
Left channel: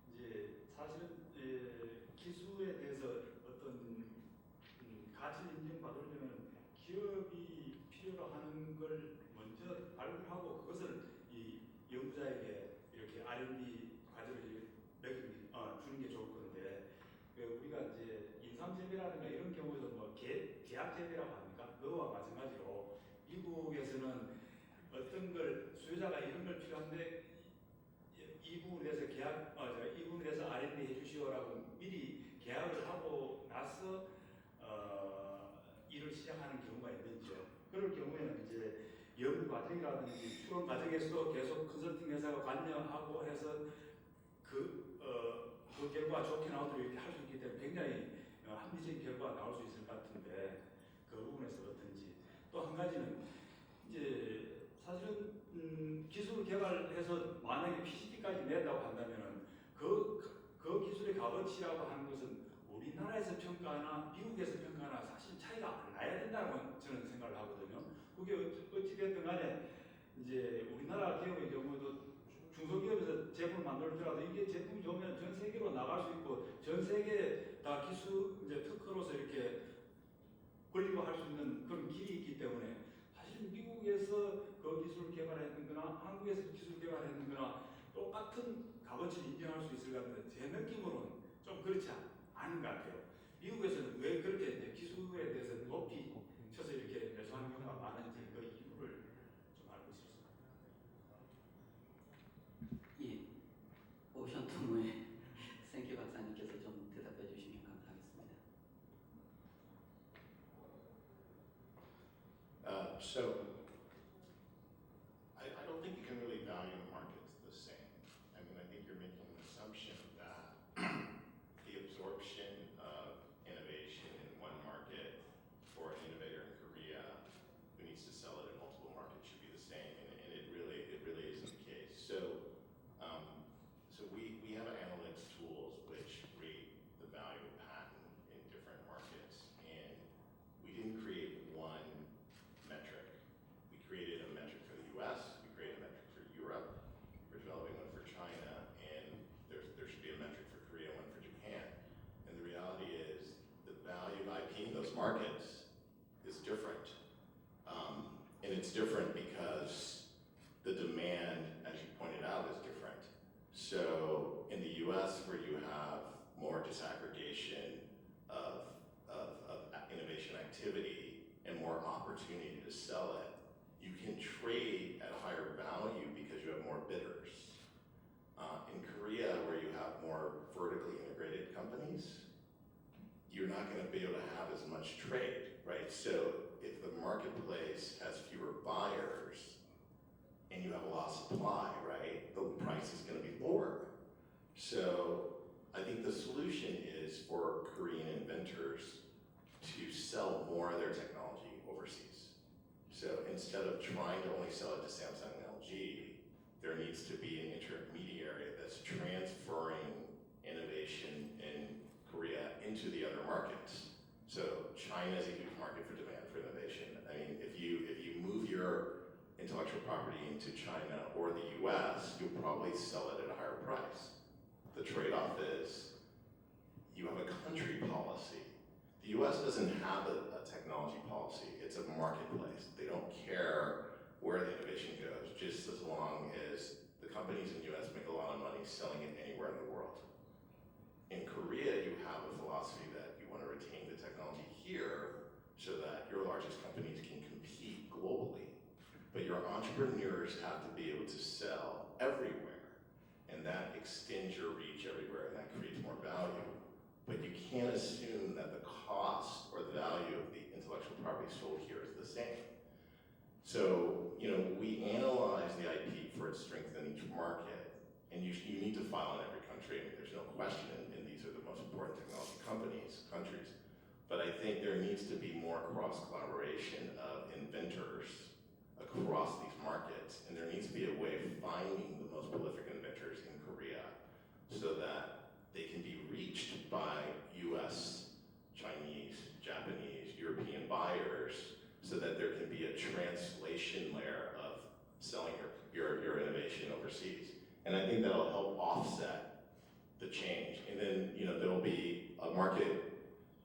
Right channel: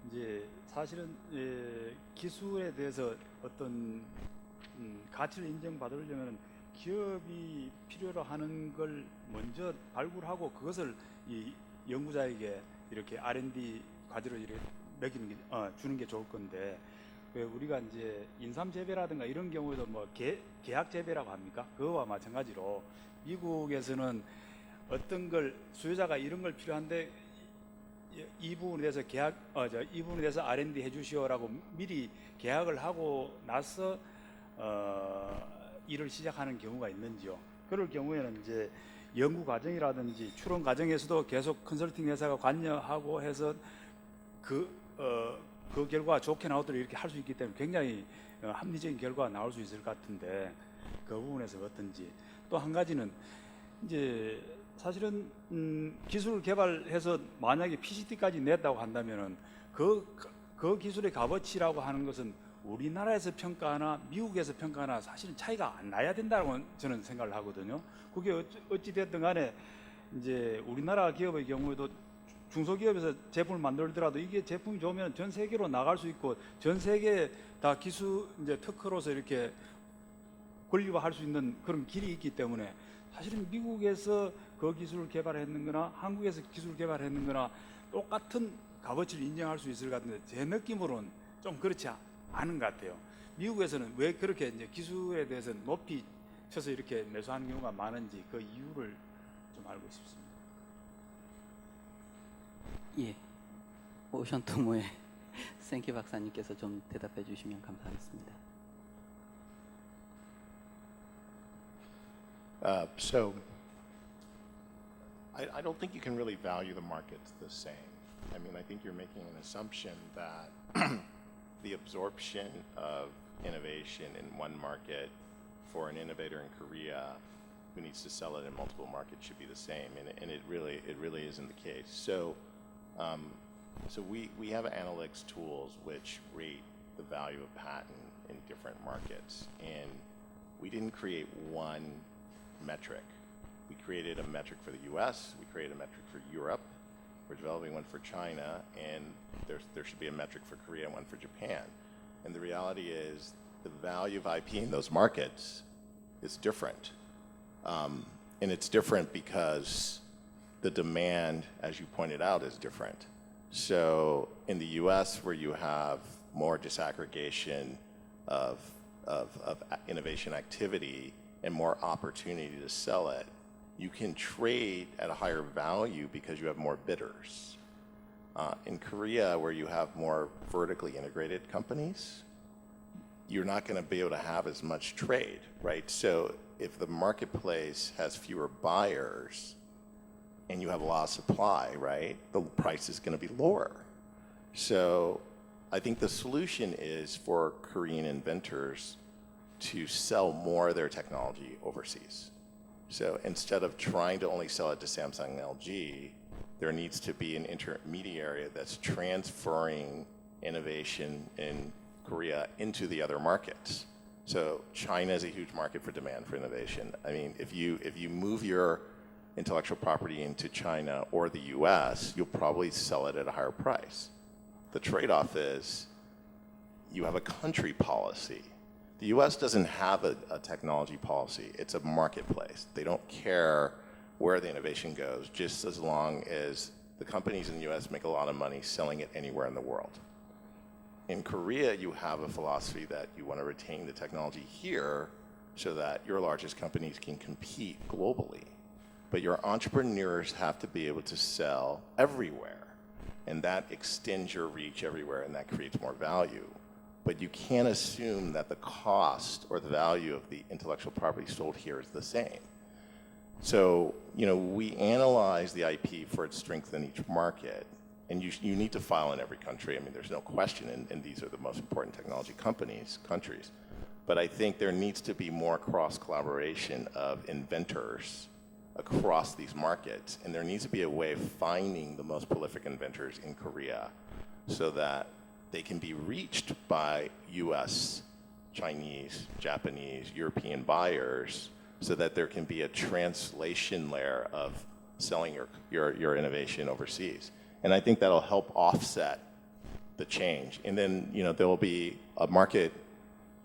이제 사실은 기술에 대해서 어떤 가치를 인정받으려면 기업이 필요로 하는 걸 먼저 발굴하고 그것을 이 연구자에게 이렇게 R&D 과제로 이렇게 매기는 게, 주는 게 좋을 건데 왜 우리가 이제 인삼 재배라든가 이런 경우에도 뭐 계약 재배라고 합니까? 그거와 마찬가지로 미국에서는 어떤 걸 수요자가 이런 걸 필요한데 이 부분에 대해서 이 부분에 대해서 R&D 해주시오라고 미리 계약을 하고 나서 일을 시작하는 경우가 있는지요. 그럴 경우에는 이제 연구 과정이라든지 추론 과정에서도 계속 컨설팅 회사가 관여하고 해서 그 결과가 좋게 나오도록 이렇게 할 수 있기 때문에 굉장히 합리적인 결과가 나올 수 있을 것 같은데 그 부분에서 어떤지. 또 한 가지는 이제 사실은 기술을 개발해서 만약에 PCT까지 냈다고 한다면은 그 기술의 값어치라고 하는 것은 우리나라에서 평가하나 미국에서 평가하나 사실은 차이가 안 나야 된다고 저는 생각을 하거든요. 그게 어찌 됐든 간에 이제 우리나라 기업의 경우에도 중소기업에서 제품을 만들더라도 이게 제품이 좋으면 전 세계로 나갈 수 있고 전 세계 다 기술 이제 특허로서 이렇게 권리화할 수 있는 그런 길이 있기 때문에 사실은 미국에서 그 기술을 개발했는 거나 한국에서 기술을 개발했는 거나 똑같은 값어치를 인정할 수 있을 것 같은데 제 느낌으로는 좀 그렇지 않은 것 같아요. 미국에서는 왜 그렇게 이제 기술에 대해서 높이 쳐서 이렇게 매수하는 경우가 많은지 그 이유를 좀 알고 싶습니다. 예. 오션 토모의 생키 박사님께서 좀 대답해 주시면 감사하겠습니다. So I don't think you can really value the markets the same. I mean, I think you're making an assumption that the absorption of innovation in one market for an innovator in Korea who needs to sell it in multiple markets should be the same, and it really isn't the case. So we have analytics tools which rate the value of patent in different markets, and we didn't create one metric. We created a metric for the U.S., we created a metric for Europe, we're developing one for China, and there should be a metric for Korea and one for Japan. And the reality is the value of IP in those markets is different. And it's different because the demand, as you pointed out, is different. So in the U.S., where you have more disaggregation of innovation activity and more opportunity to sell it, you can trade at a higher value because you have more bidders. In Korea, where you have more vertically integrated companies, you're not going to be able to have as much trade, right? So if the marketplace has fewer buyers and you have a lot of supply, right, the price is going to be lower. So I think the solution is for Korean inventors to sell more of their technology overseas. So instead of trying to only sell it to Samsung and LG, there needs to be an intermediary that's transferring innovation in Korea into the other markets. So China is a huge market for demand for innovation. I mean, if you move your intellectual property into China or the US, you'll probably sell it at a higher price. The trade-off is you have a country policy. The US doesn't have a technology policy. It's a marketplace. They don't care where the innovation goes, just as long as the companies in the US make a lot of money selling it anywhere in the world. In Korea, you have a philosophy that you want to retain the technology here so that your largest companies can compete globally. But your entrepreneurs have to be able to sell everywhere, and that extends your reach everywhere, and that creates more value. but you can't assume that the cost or the value of the intellectual property sold here is the same. So, we analyze the IP for its strength in each market, and you need to file in every country. I mean, there's no question, and these are the most important technology countries. But I think there needs to be more cross-collaboration of inventors across these markets, and there needs to be a way of finding the most prolific inventors in Korea so that they can be reached by US, Chinese, Japanese, European buyers, so that there can be a translation layer of selling your innovation overseas. And I think that'll help offset the change. And then, there will be a market,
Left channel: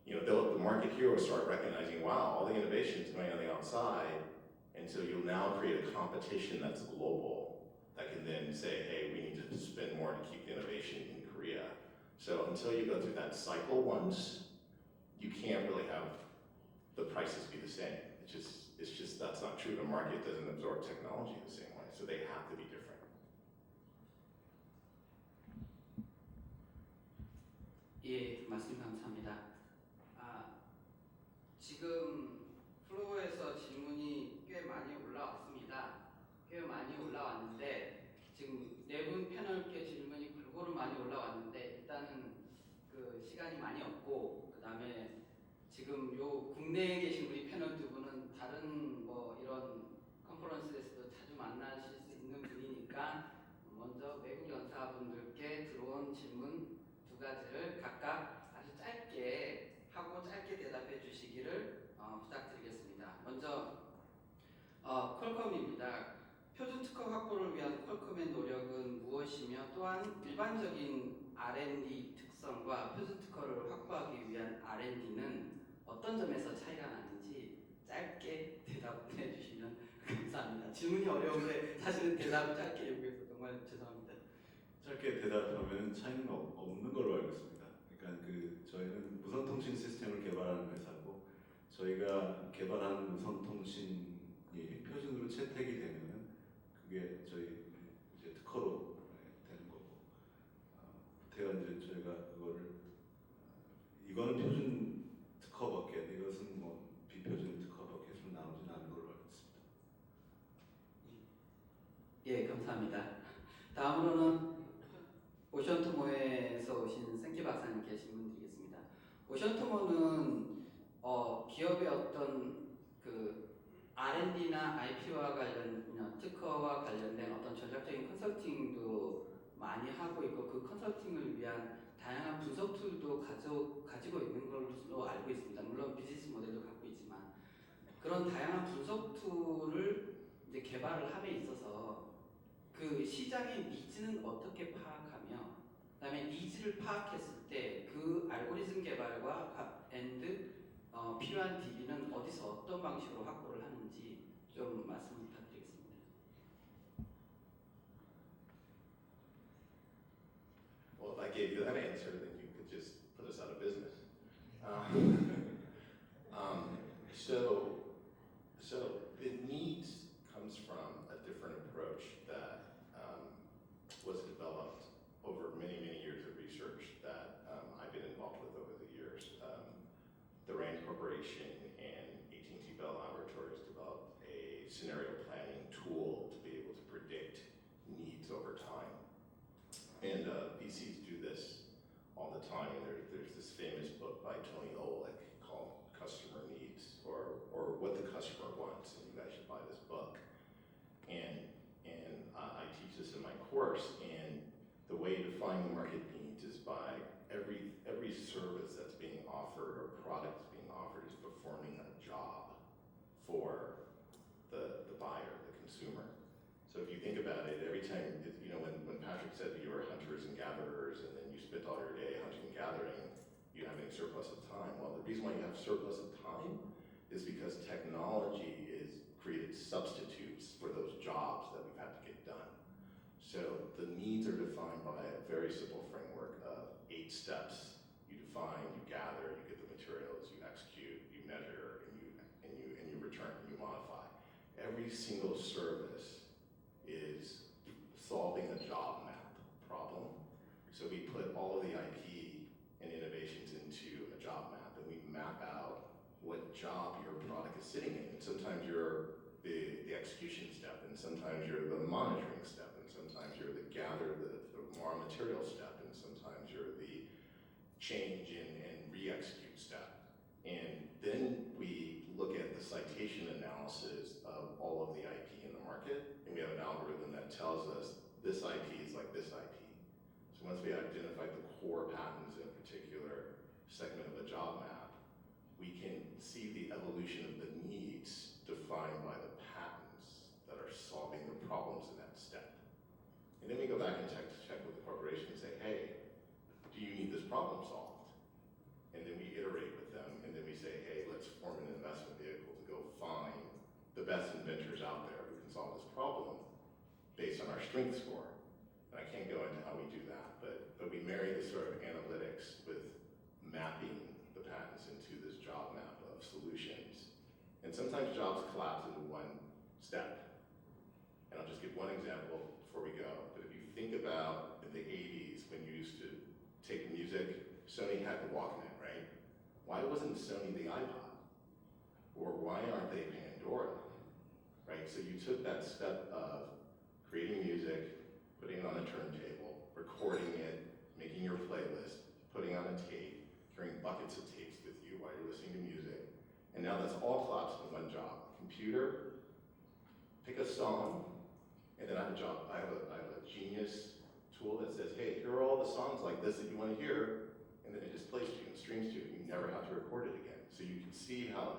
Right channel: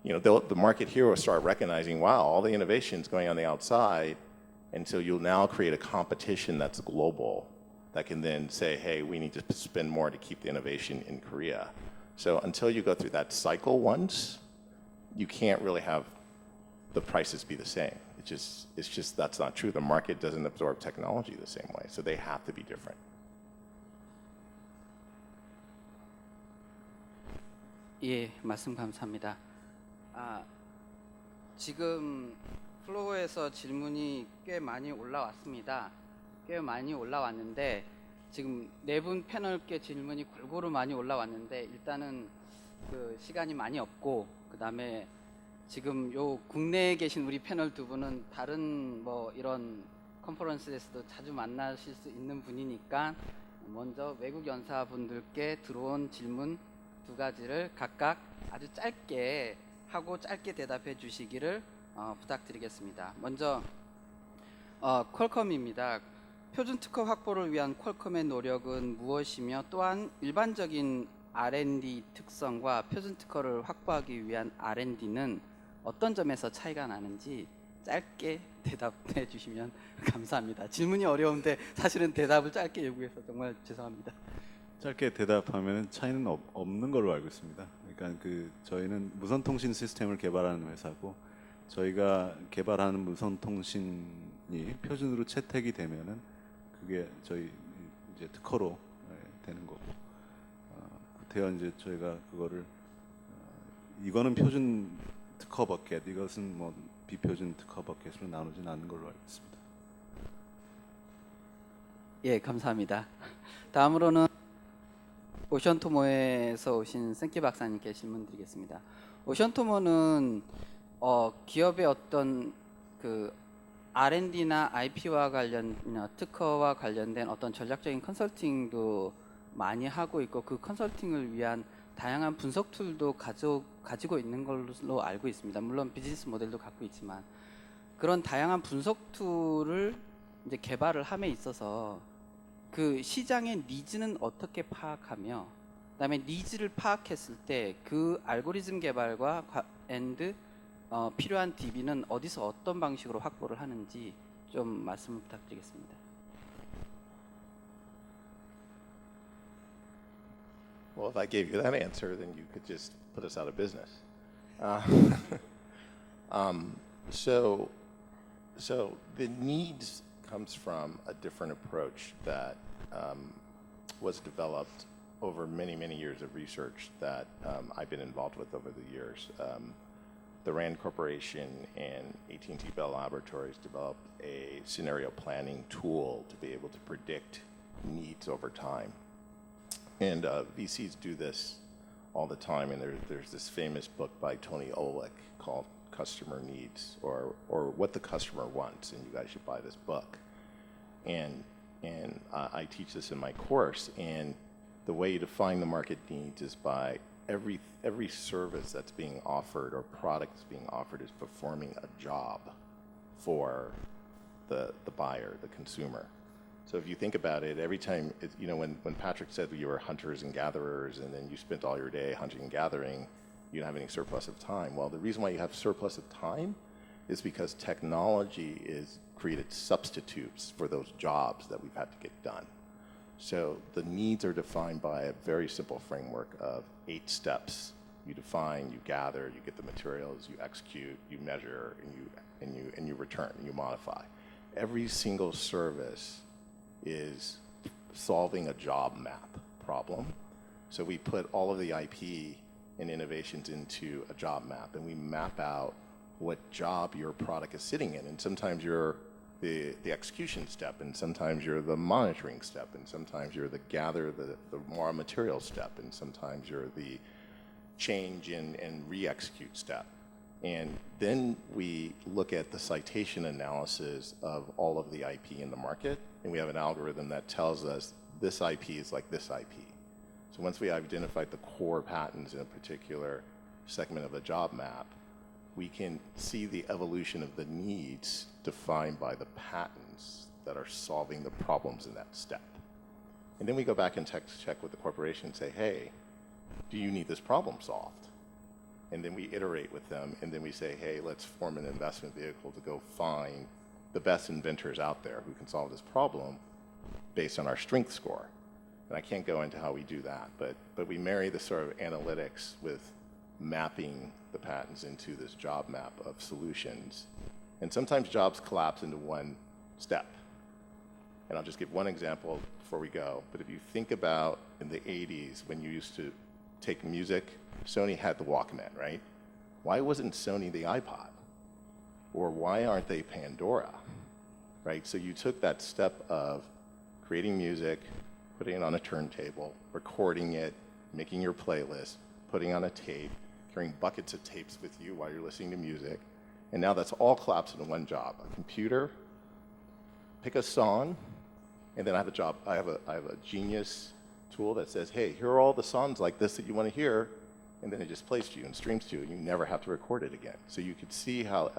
the market here will start recognizing, wow, all the innovation's going on the outside, and so you'll now create a competition that's global that can then say, hey, we need to spend more to keep the innovation in Korea. So until you go through that cycle once, you can't really have the prices be the same. It's just that's not true. The market doesn't absorb technology the same way, so they have to be different. 예, 말씀 감사합니다. 지금 플로어에서 질문이 꽤 많이 올라왔습니다. 꽤 많이 올라왔는데 지금 네 분 패널께 질문이 골고루 많이 올라왔는데 일단은 그 시간이 많이 없고 그다음에 지금 요 국내에 계신 우리 패널 두 분은 다른 뭐 이런 컨퍼런스에서도 자주 만나실 수 있는 분이니까 먼저 외국 연사분들께 들어온 질문 두 가지를 각각 아주 짧게 하고 짧게 대답해 주시기를 부탁드리겠습니다. 먼저 퀄컴입니다. 표준 특허 확보를 위한 퀄컴의 노력은 무엇이며 또한 일반적인 R&D 특성과 표준 특허를 확보하기 위한 R&D는 어떤 점에서 차이가 나는지 짧게 대답해 주시면 감사합니다. 질문이 어려운데 사실은 대답을 짧게 요구해서 정말 죄송합니다. 짧게 대답하면 차이는 없는 걸로 알고 있습니다. 그러니까 저희는 무선 통신 시스템을 개발하는 회사고 저희가 개발하는 무선 통신이 표준으로 채택이 되면은 그게 저희 이제 특허로 되는 거고 그때야 이제 저희가 그거를 이거는 표준 특허 버켓, 이것은 뭐 비표준 특허 버켓으로 나누진 않는 걸로 알고 있습니다. 예, 감사합니다. 다음으로는 오션토모에서 오신 생키 박사님께 질문 드리겠습니다. 오션토모는 기업의 어떤 그 R&D나 IP와 특허와 관련된 어떤 전략적인 컨설팅도 많이 하고 있고 그 컨설팅을 위한 다양한 분석 툴도 가지고 있는 걸로 알고 있습니다. 물론 비즈니스 모델도 갖고 있지만 그런 다양한 분석 툴을 이제 개발을 함에 있어서 그 시장의 니즈는 어떻게 파악하며 그다음에 니즈를 파악했을 때 그 알고리즘 개발과 필요한 DB는 어디서 어떤 방식으로 확보를 하는지 좀 말씀 부탁드리겠습니다. Well, if I gave you that answer, then you could just put us out of business. So the needs comes from a different approach that was developed over many, many years of research that I've been involved with over the years. The RAND Corporation and AT&T Bell Laboratories developed a scenario planning tool to be able to predict needs over time. And VCs do this all the time, and there's this famous book by Tony Olick called Customer Needs, or What the Customer Wants, and you guys should buy this book. And I teach this in my course, and the way you define the market needs is by every service that's being offered or product that's being offered is performing a job for the buyer, the consumer. So if you think about it, every time, when Patrick said you were hunters and gatherers and then you spent all your day hunting and gathering, you don't have any surplus of time. Well, the reason why you have surplus of time is because technology is created substitutes for those jobs that we've had to get done. So the needs are defined by a very simple framework of 8 steps. You define, you gather, you get the materials, you execute, you measure, and you return, and you modify. Every single service is solving a job map problem. So we put all of the IP and innovations into a job map, and we map out what job your product is sitting in. And sometimes you're the execution step, and sometimes you're the monitoring step, and sometimes you're the gather the raw material step, and sometimes you're the change and re-execute step. And then we look at the citation analysis of all of the IP in the market, and we have an algorithm that tells us this IP is like this IP. So once we identified the core patents in a particular segment of a job map, we can see the evolution of the needs defined by the patents that are solving the problems in that step. And then we go back and check with the corporation and say, hey, do you need this problem solved? And then we iterate with them, and then we say, hey, let's form an investment vehicle to go find the best inventors out there who can solve this problem based on our strength score. And I can't go into how we do that, but we marry the sort of analytics with mapping the patents into this job map of solutions. And sometimes jobs collapse into one step. And I'll just give one example before we go. But if you think about in the 80s when you used to take music, Sony had the Walkman, right? Why wasn't Sony the iPod? Or why aren't they Pandora, right? So you took that step of creating music, putting it on a turntable, recording it, making your playlist, putting on a tape, carrying buckets of tapes with you while you're listening to music, and now that's all collapsed into one job. A computer, pick a song, and then I have a job. I have a Genius tool that says, hey, here are all the songs like this that you want to hear, and then it just plays to you and streams to you, and you never have to record it again. So you could see how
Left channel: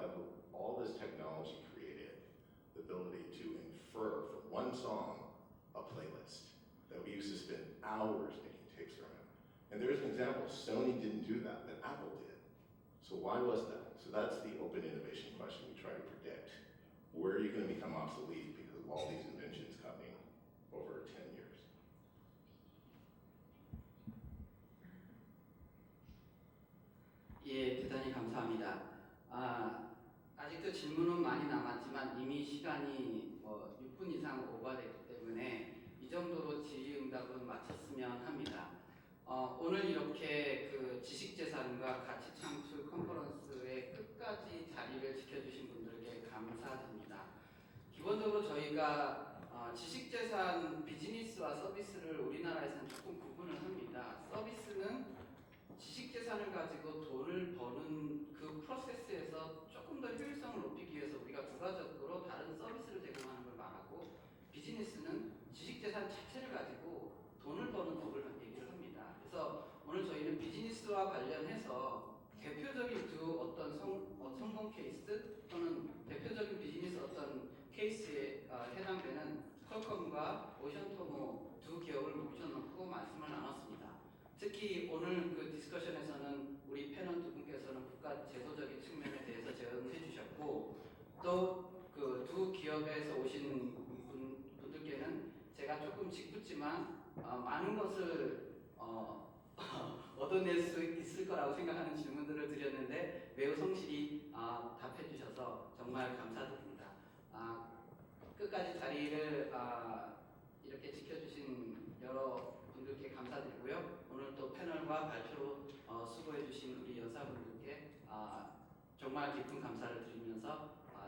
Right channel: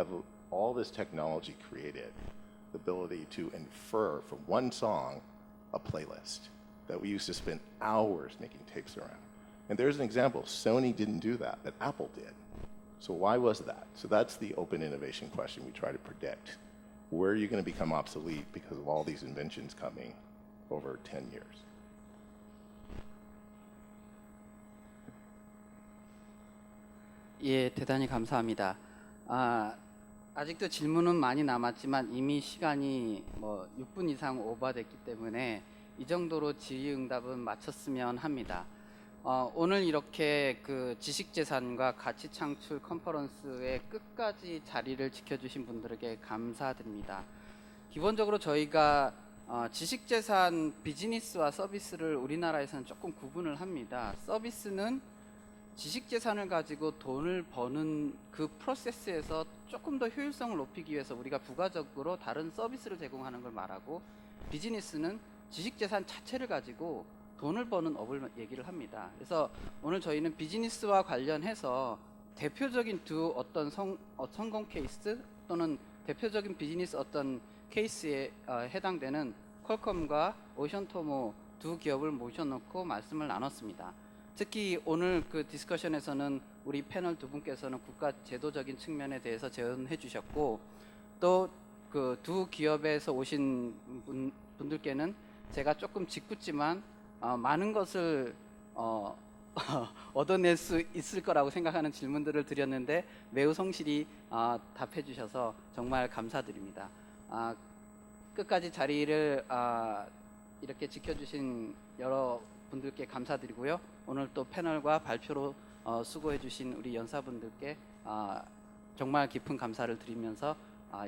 all this technology created the ability to infer from one song a playlist that we used to spend hours making tapes around. And there's an example. Sony didn't do that, but Apple did. So why was that? So that's the open innovation question we try to predict. Where are you going to become obsolete because of all these inventions coming over 10 years? 예, 대단히 감사합니다. 아직도 질문은 많이 남았지만 이미 시간이 6분 이상 오버됐기 때문에 이 정도로 질의응답은 마쳤으면 합니다. 오늘 이렇게 그 지식재산과 가치창출 컨퍼런스의 끝까지 자리를 지켜주신 분들에게 감사드립니다. 기본적으로 저희가 지식재산 비즈니스와 서비스를 우리나라에서는 조금 구분을 합니다. 서비스는 지식재산을 가지고 돈을 버는 그 프로세스에서 조금 더 효율성을 높이기 위해서 우리가 부가적으로 다른 서비스를 제공하는 걸 말하고, 비즈니스는 지식재산 자체를 가지고 돈을 버는 업을 얘기를 합니다. 그래서 오늘 저희는 비즈니스와 관련해서 대표적인 두 어떤 성공 케이스 또는 대표적인 비즈니스 어떤 케이스에 해당되는 퀄컴과 오션토모 두 기업을 모셔놓고 말씀을 나눴습니다. 특히 오늘 그 디스커션에서는 우리 패널 두 분께서는 국가 제도적인 측면에 대해서 제언해 주셨고, 또 그 두 기업에서 오신 분들께는 제가 조금 짓궂지만 많은 것을 얻어낼 수 있을 거라고 생각하는 질문들을 드렸는데 매우 성실히 답해 주셔서 정말 감사드립니다. 끝까지 자리를 이렇게 지켜주신 여러 분들께 감사드리고요. 오늘 또 패널과 발표로 수고해 주신 우리 연사분들께 정말 깊은 감사를 드리면서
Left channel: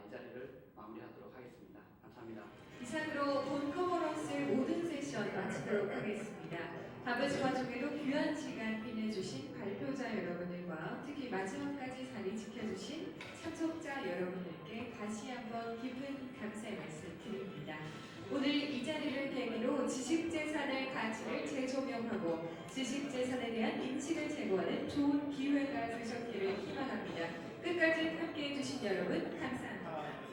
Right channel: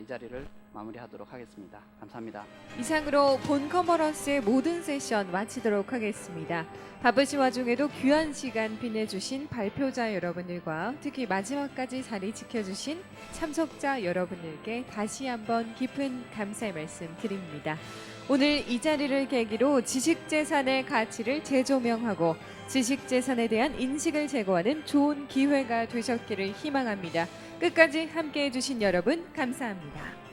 이 자리를 마무리하도록 하겠습니다. 감사합니다. 이상으로 본 컨퍼런스의 모든 세션 마치도록 하겠습니다. 바쁘신 와중에도 귀한 시간 빛내주신 발표자 여러분들과 특히 마지막까지 자리 지켜주신 참석자 여러분들께 다시 한번 깊은 감사의 말씀 드립니다. 오늘 이 자리를 계기로 지식재산의 가치를 재조명하고 지식재산에 대한 인식을 제고하는 좋은 기회가 되셨기를 희망합니다. 끝까지 함께해 주신 여러분 감사합니다.